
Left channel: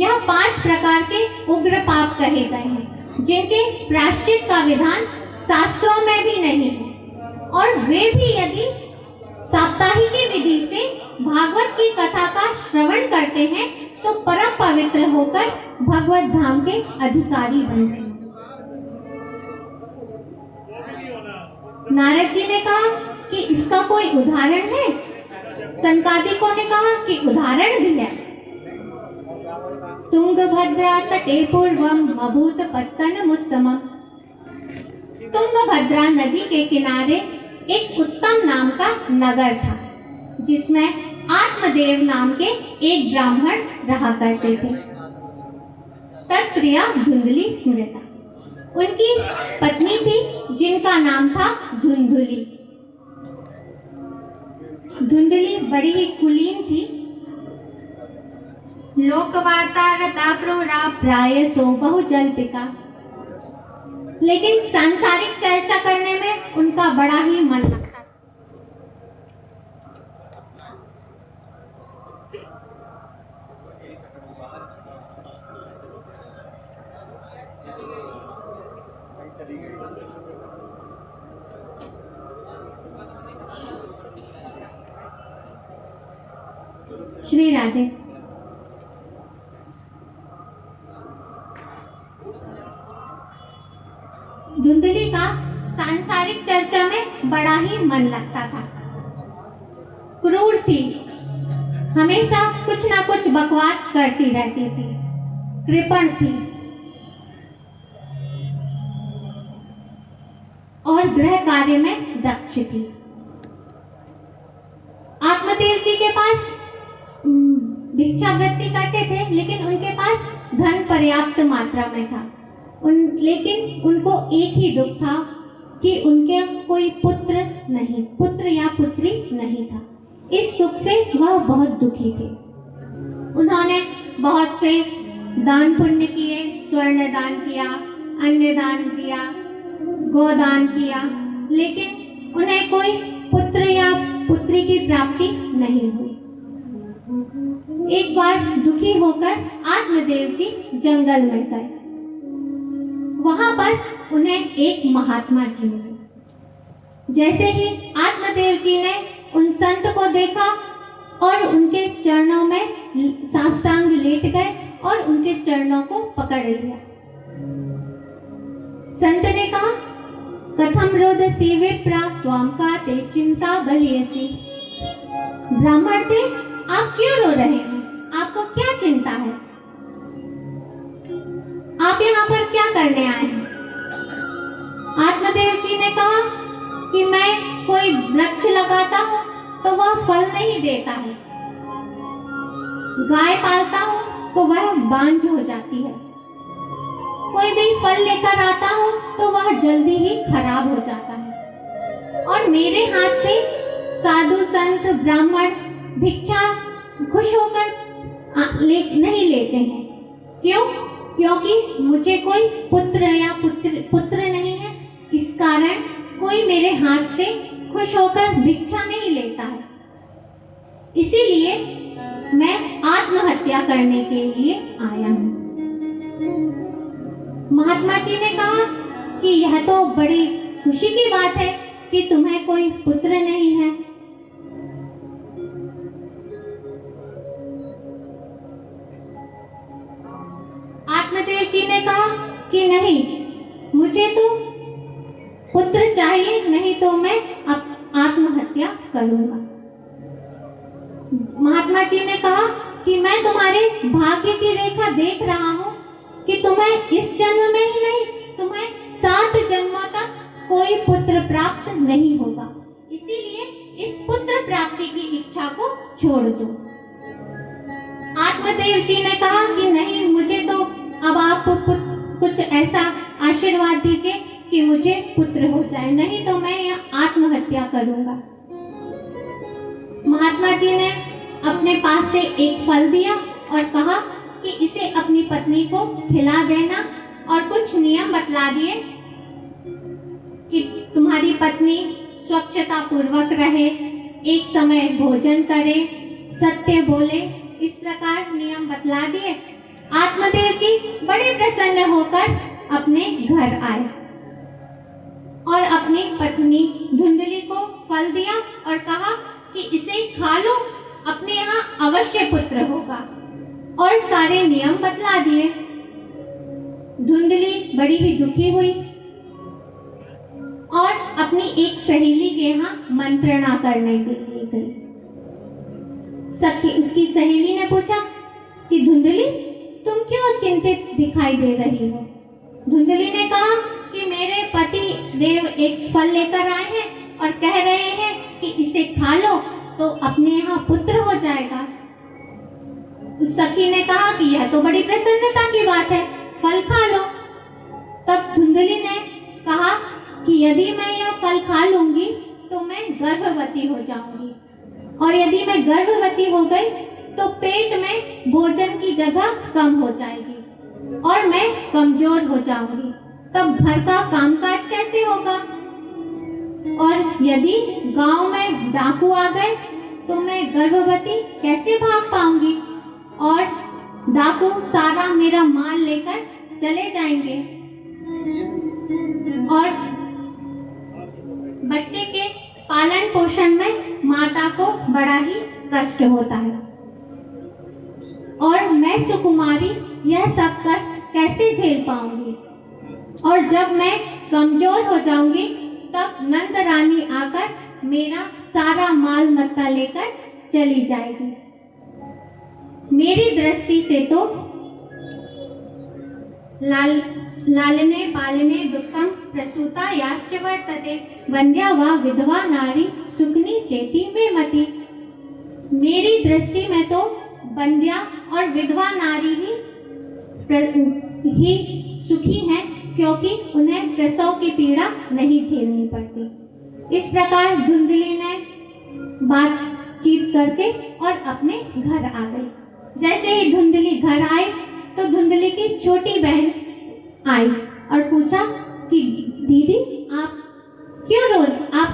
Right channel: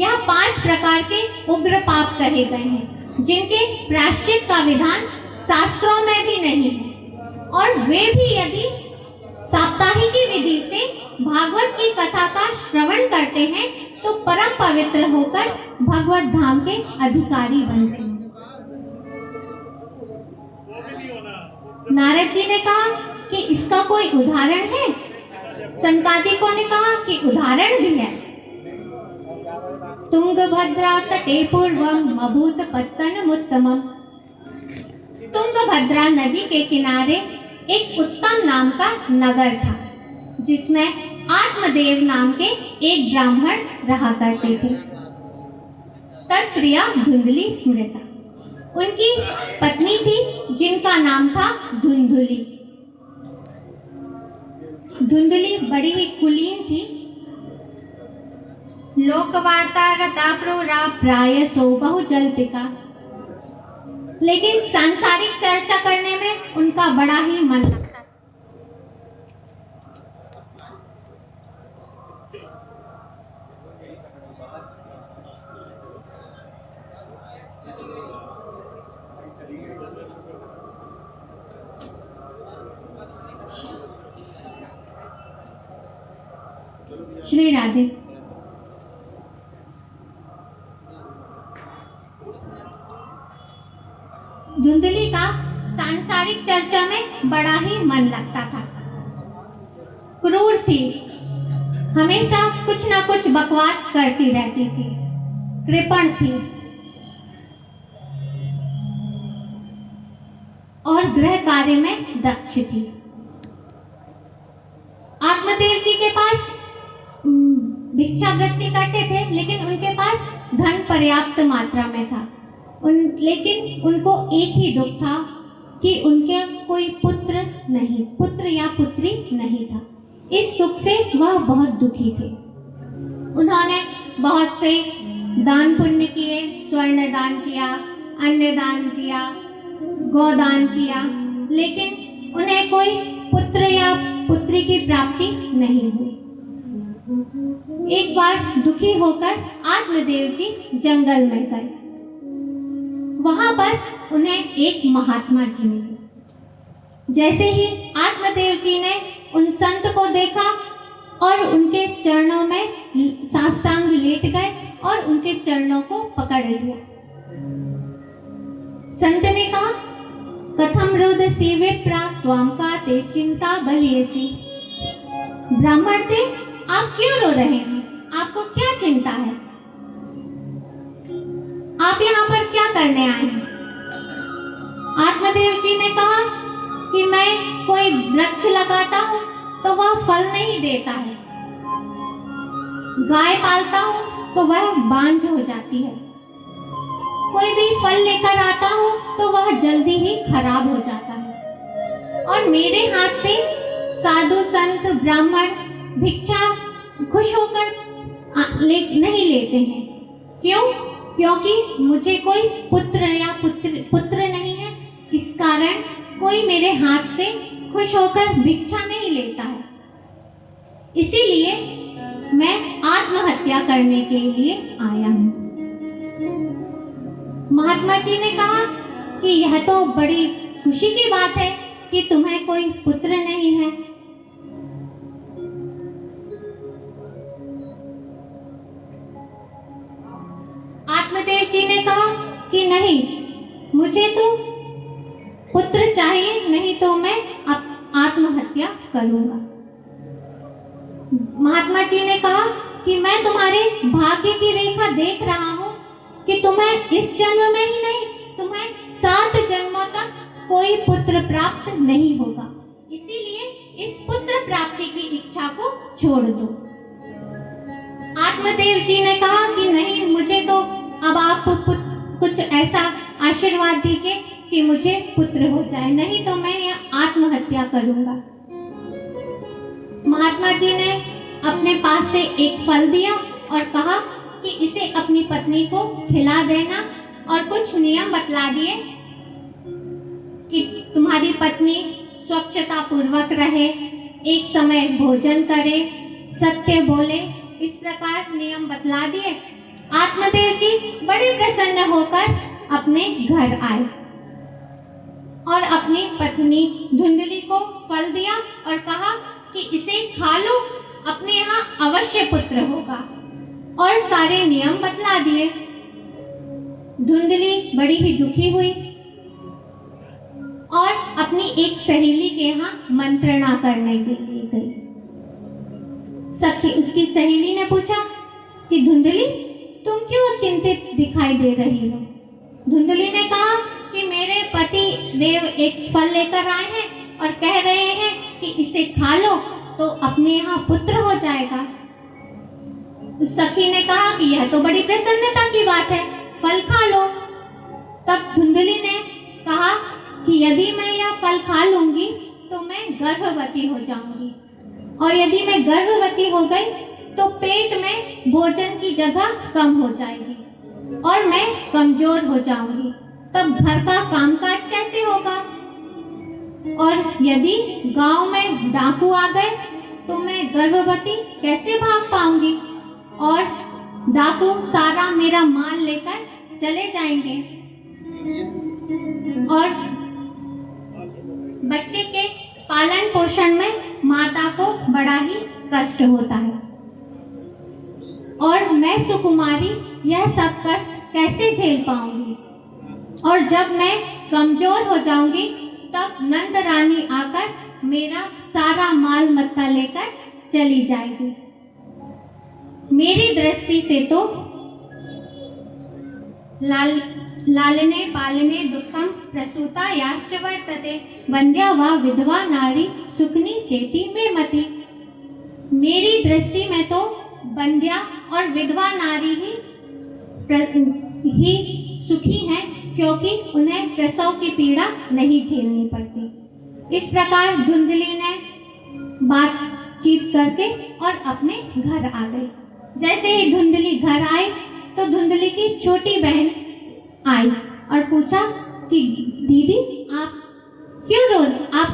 यह 5 प्रकार के उग्र पाप कहे गए हैं जिनके प्रायश्चित का विधान शास्त्रों में भी नहीं है, और वे भी यदि साप्ताहिक विधि से भागवत की कथा का श्रवण करते हैं तो परम पवित्र होकर भगवत धाम के अधिकारी बनते हैं। नारद जी ने कहा कि इसका कोई उदाहरण है? संकादिकों ने कहा कि उदाहरण भी है। तुंगभद्रा तटे पूर्वम अभूत पत्तनमुत्तमम्। तुंगभद्रा नदी के किनारे एक उत्तम नाम का नगर था, जिसमें आत्मदेव नाम के एक ब्राह्मण रहा करते थे। तत्प्रिया धुंधली स्मृता, उनकी पत्नी थी जिनका नाम था धुंधुली। धुंधली बड़ी ही कुलीन थी। लोकवार्ता रता क्रूरा प्रायसो बहुजल्पिका, लेकिन सांसारिक चर्चा करने में उनका बड़ा ही मन लगता था। श्री राधे। धुंधली का सांसारिक चर्चा में बड़ा ही मन लगता था। क्रूर थी, हमेशा कुछ ना कुछ बकवास करती रहती थी, कृपण थी और गृह कार्य में दक्ष थी। आत्मदेव जी के पास भिक्षावृत्ति करते थे, लेकिन उनके पास धन पर्याप्त मात्रा में था। लेकिन उनको एक ही दुख था कि उनके कोई पुत्र या पुत्री नहीं था। इस दुख से वह बहुत दुखी थे। उन्होंने बहुत से दान पुण्य किए, स्वर्ण दान किया, अन्न दान किया, गोदान किया, लेकिन उन्हें कोई पुत्र या पुत्री की प्राप्ति नहीं हुई। एक बार दुखी होकर आत्मदेव जी जंगल में गए। वहां पर उन्हें एक महात्मा जी मिले। जैसे ही आत्मदेव जी ने उन संत को देखा और उनके चरणों में साष्टांग लेट गए और उनके चरणों को पकड़ लिया। संत ने कहा, कथम रोदसी विप्रा त्वाम काते चिंता बलियसी। ब्राह्मण थे, आप क्यों रो रहे हैं? आपको क्या चिंता है? आप यहाँ पर क्या करने आए हैं? आत्मदेव जी ने कहा कि मैं कोई वृक्ष लगाता हूँ तो वह फल नहीं देता है, गाय पालता हूँ तो वह बांझ हो जाती है, कोई भी फल लेकर आता हूँ तो वह जल्दी ही खराब हो जाता है, और मेरे हाथ से साधु संत ब्राह्मण भिक्षा खुश होकर नहीं लेते हैं। क्यों? क्योंकि मुझे कोई पुत्र नहीं है, इस कारण कोई मेरे हाथ से खुश होकर भिक्षा नहीं लेता है। इसीलिए मैं आत्महत्या करने के लिए आया हूँ। महात्मा जी ने कहा कि यह तो बड़ी खुशी की बात है कि तुम्हें कोई पुत्र नहीं है। आत्मदेव जी ने कहा कि नहीं, मुझे तो पुत्र चाहिए, नहीं तो मैं आत्महत्या करूंगा। महात्मा जी ने कहा कि मैं तुम्हारे भाग्य की रेखा देख रहा हूँ कि तुम्हें इस जन्म में ही नहीं, तुम्हें 7 जन्मों तक कोई पुत्र प्राप्त नहीं होगा। इसीलिए इस पुत्र प्राप्ति की इच्छा को छोड़ दो। आत्मदेव जी ने कहा कि नहीं, मुझे तो अब आप कुछ ऐसा आशीर्वाद दीजिए कि मुझे पुत्र हो जाए, नहीं तो मैं आत्महत्या करूंगा। महात्मा जी ने अपने पास से एक फल दिया और कहा कि इसे अपनी पत्नी को खिला देना, और कुछ नियम बतला दिए कि तुम्हारी पत्नी स्वच्छता पूर्वक रहे, एक समय भोजन करे, सत्य बोले, इस प्रकार नियम बतला दिए। आत्मदेव जी बड़े प्रसन्न होकर अपने घर आए और अपनी पत्नी धुंधली को फल दिया और कहा कि इसे खा लो, अपने यहाँ अवश्य पुत्र होगा, और सारे नियम बतला दिए। धुंधली बड़ी ही दुखी हुई और अपनी एक सहेली के यहाँ मंत्रणा करने के लिए गई। उसकी सहेली ने पूछा कि धुंधली, तुम क्यों चिंतित दिखाई दे रही हो? धुंधली ने कहा कि मेरे पति देव एक फल लेकर आए हैं और कह रहे हैं कि इसे खा लो तो अपने यहाँ पुत्र हो जाएगा। उस सखी ने कहा कि यह तो बड़ी प्रसन्नता की बात है, फल खा लो। तब धुंधली ने कहा कि यदि मैं यह फल खा लूंगी तो मैं गर्भवती हो जाऊंगी, और यदि मैं गर्भवती हो गई तो पेट में भोजन की जगह कम हो जाएगी और मैं कमजोर हो जाऊंगी, तब घर का कामकाज कैसे होगा? और यदि गांव में डाकू आ गए तो मैं गर्भवती कैसे भाग पाऊंगी, और डाकू सारा मेरा माल लेकर चले जाएंगे, और बच्चे के पालन पोषण में माता को बड़ा ही कष्ट होता है, और मैं सुकुमारी यह सब कष्ट कैसे झेल पाऊंगी? और जब मैं कमजोर हो जाऊंगी तब नंद रानी आकर मेरा सारा माल मत्ता लेकर चली जाएगी। मेरी दृष्टि से तो लालने पालने दुःखम प्रसूता याश्च वर्तते, वंद्या वा विधवा नारी सुखनी चेती में मति। मेरी दृष्टि में तो बंध्या और विधवा नारी ही सुखी हैं, क्योंकि उन्हें प्रसव की पीड़ा नहीं झेलनी पड़ती। इस प्रकार धुंधली ने बातचीत करके और अपने घर आ गई। जैसे ही धुंधली घर आई तो धुंधली की छोटी बहन आई और पूछा कि दीदी आप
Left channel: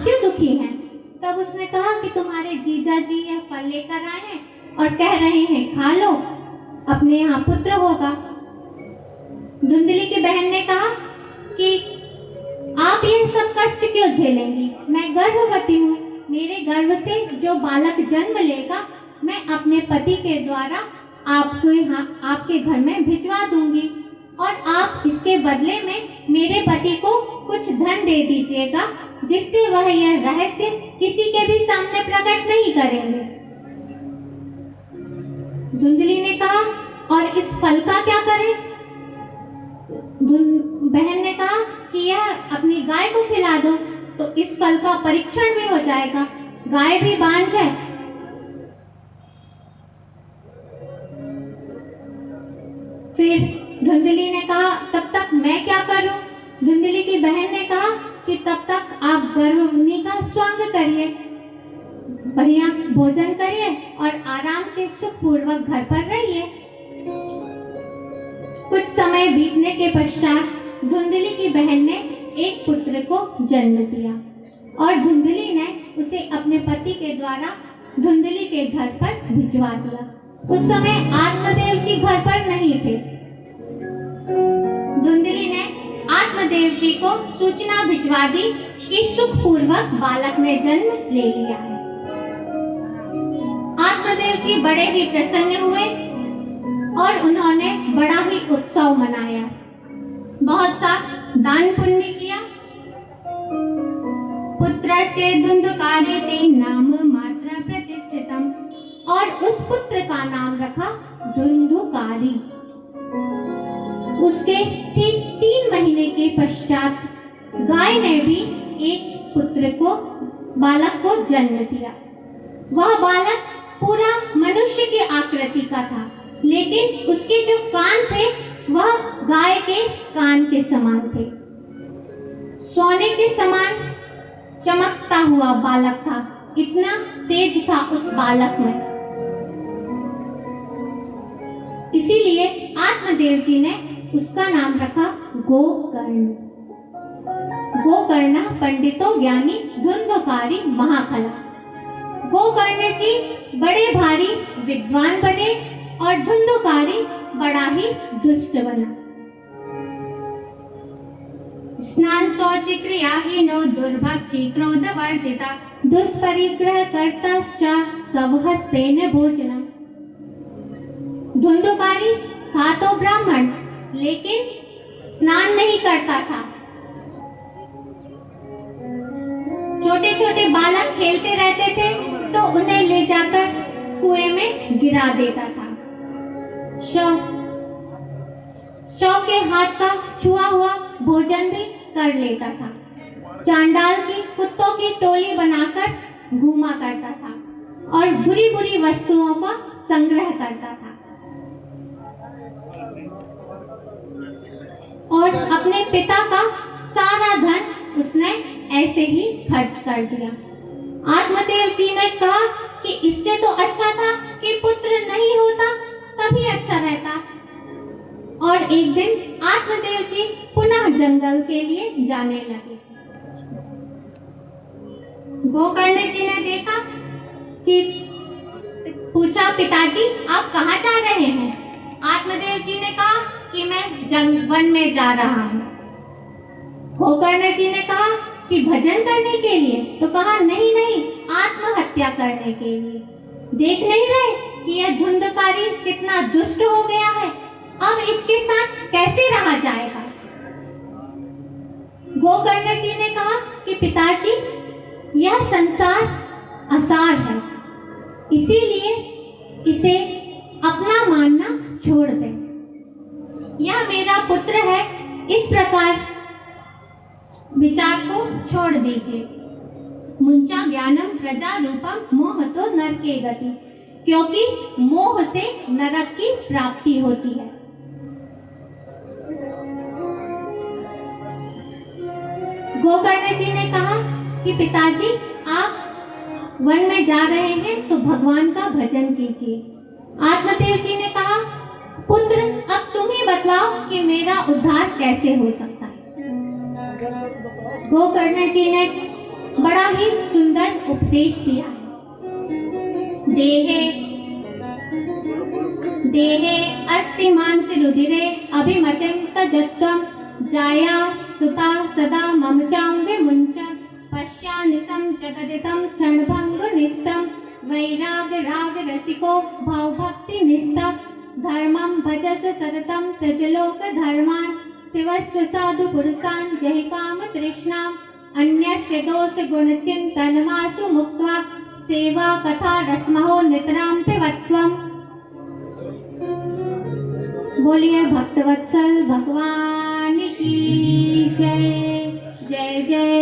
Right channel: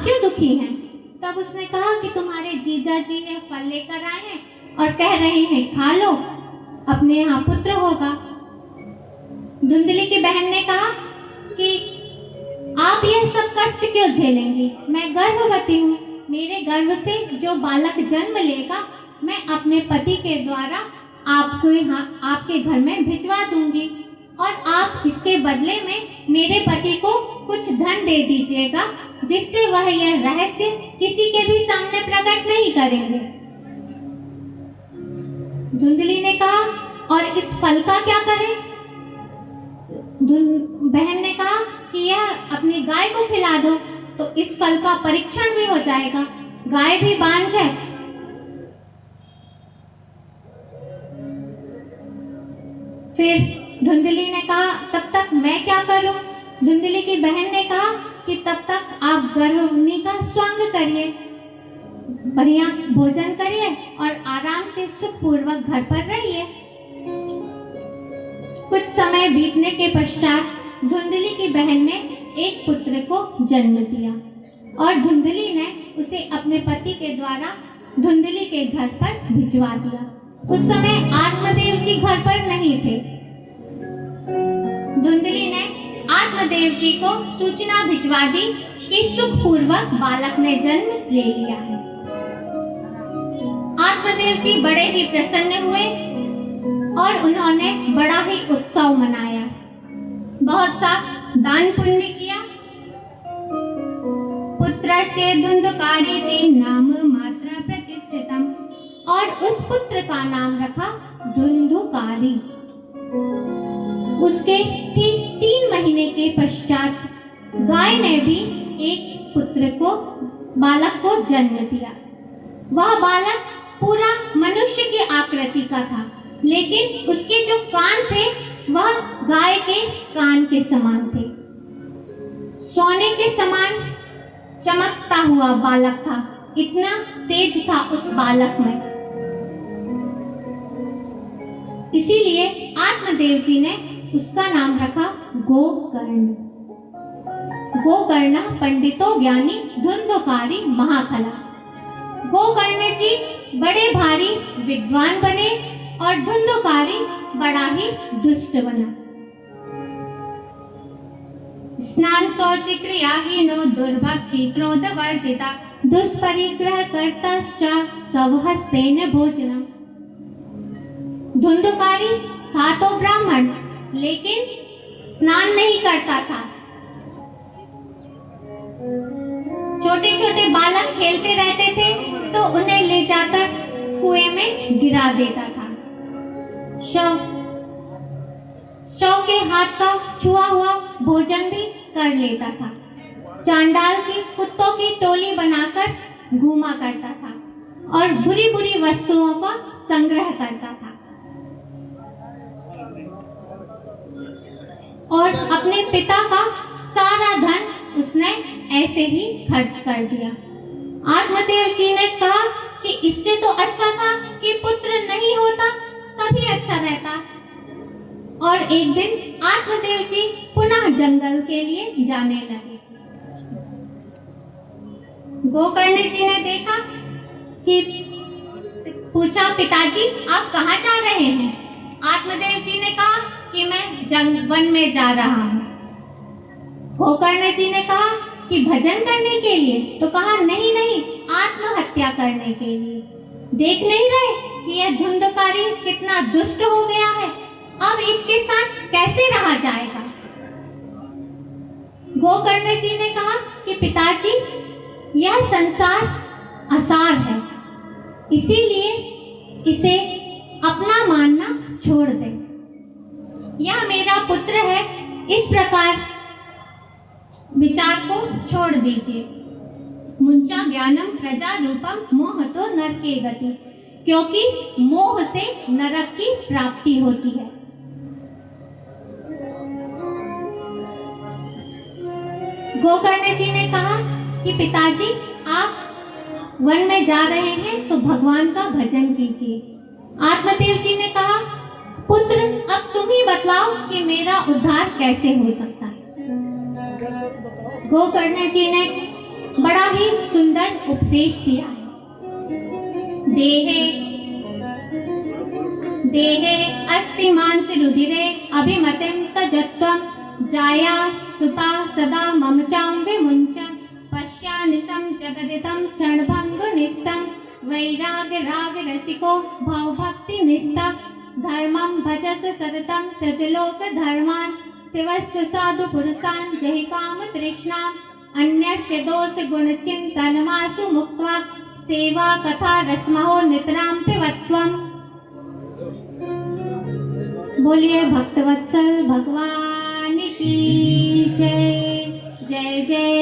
क्यों दुखी हैं? तब उसने कहा कि तुम्हारे जीजा जी ये फल लेकर आए हैं और कह रहे हैं खा लो, अपने यहाँ पुत्र होगा। धुंधली की बहन ने कहा कि आप ये सब कष्ट क्यों झेलेंगी? मैं गर्भवती हूँ, मेरे गर्भ से जो बालक जन्म लेगा मैं अपने पति के द्वारा आपके घर में भिजवा दूंगी और आप इसके बदले में मेरे पति को कुछ धन दे दीजिएगा, जिससे वह यह रहस्य किसी के भी सामने प्रकट नहीं करेंगे। धुंधली ने कहा और इस फल का क्या करें? बहन ने कहा कि यह अपनी गाय को खिला दो तो इस फल का परीक्षण भी हो जाएगा, गाय भी बांझ है। फिर धुंधली ने कहा तब तक मैं क्या करूं? धुंधली की बहन ने कहा कि तब तक आप गर्भवती का स्वांग करिए, बढ़िया भोजन करिए और आराम से सुखपूर्वक घर पर रहिए। कुछ समय बीतने के पश्चात धुंधली की बहन ने एक पुत्र को जन्म दिया और धुंधली ने उसे अपने पति के द्वारा धुंधली के घर पर भिजवा दिया। उस समय आत्मदेव जी घर पर नहीं थे। धुंधली ने आत्मदेव जी को सूचना भिजवा दी कि सुखपूर्वक बालक ने जन्म ले लिया है। आत्मदेव जी बड़े ही प्रसन्न हुए और उन्होंने बड़ा ही उत्सव मनाया, बहुत सा दान पुण्य किया। पुत्र से धुंधकारी ते नाम मात्र प्रतिष्ठितम, और उस पुत्र का नाम रखा धुंधकारी। उसके ठीक 3 महीने के पश्चात गाय ने भी एक बालक को जन्म दिया। वह बालक पूरा मनुष्य की आकृति का था, लेकिन उसके जो कान थे वह गाय के कान के समान थे। सोने के समान चमकता हुआ बालक था, इतना तेज था उस बालक में। इसीलिए आत्मदेव जी ने उसका नाम रखा गोकर्ण। गोकर्ण पंडितों ज्ञानी धुंधकारी महाकला। गोकर्ण जी बड़े भारी विद्वान बने और धुंधकारी बड़ा ही दुष्ट बना। स्नान शौच क्रियाहीनो दुर्भक्षी क्रोधवर्जिता दुष्परिग्रह कर्तश्च स्वहस्तेन भोजनम। धुंधकारी था तो ब्राह्मण, लेकिन स्नान नहीं करता था। छोटे छोटे बालक खेलते रहते थे तो उन्हें ले जाकर कुएं में गिरा देता था। शव के हाथ का छुआ हुआ भोजन भी कर लेता था। चांडाल की कुत्तों की टोली बनाकर घूमा करता था और बुरी बुरी वस्तुओं का संग्रह करता था और अपने पिता का सारा धन उसने ऐसे ही खर्च कर दिया। आत्मदेव जी ने कहा कि इससे तो अच्छा था कि पुत्र नहीं होता, तभी अच्छा रहता। और एक दिन आत्मदेव जी पुनः जंगल के लिए जाने लगे। गोकर्ण जी ने देखा कि पूछा, पिताजी आप कहाँ जा रहे हैं? आत्मदेव जी ने कहा कि मैं वन में जा रहा हूँ। गोकर्ण जी ने कहा कि भजन करने के लिए? तो कहा नहीं नहीं, आत्महत्या करने के लिए। देख नहीं रहे कि यह धुंधकारी कितना दुष्ट हो गया है, अब इसके साथ कैसे रहा जाएगा? गोकर्ण जी ने कहा कि पिताजी यह संसार असार है, इसीलिए इसे अपना मानना छोड़ दे। यह मेरा पुत्र है, इस प्रकार विचार को छोड़ दीजिए। मुंचा ज्ञानम प्रजा रूपम मोहतो नरके गति। क्योंकि मोह से नरक की प्राप्ति होती है। गोकर्ण जी ने कहा कि पिताजी आप वन में जा रहे हैं तो भगवान का भजन कीजिए। आत्मदेव जी ने कहा पुत्र अब तुम ही बतलाओ कि मेरा उद्धार कैसे हो सकता है। गोकर्ण जी ने बड़ा ही सुंदर उपदेश दिया है। देहे देहे अस्ति मांसि रुधिरे अभिमतिं तजत्वं जाया सुता सदा ममचां विमुञ्चन् पश्यानिशं जगदिदं क्षणभङ्गुनिष्ठं वैराग राग रसिको भवभक्ति निष्ठा धर्मं भजस्व सततं त्यज लोक धर्मान् शिवस्व साधु पुरुषान् जहि काम तृष्णाम् अन्यस्य दोष गुण चिन्तनमासु मुक्त्वा सेवा कथा रसमहो नितरां पिबत्वम्। बोलिए भक्तवत्सल भगवान की जय। जय जय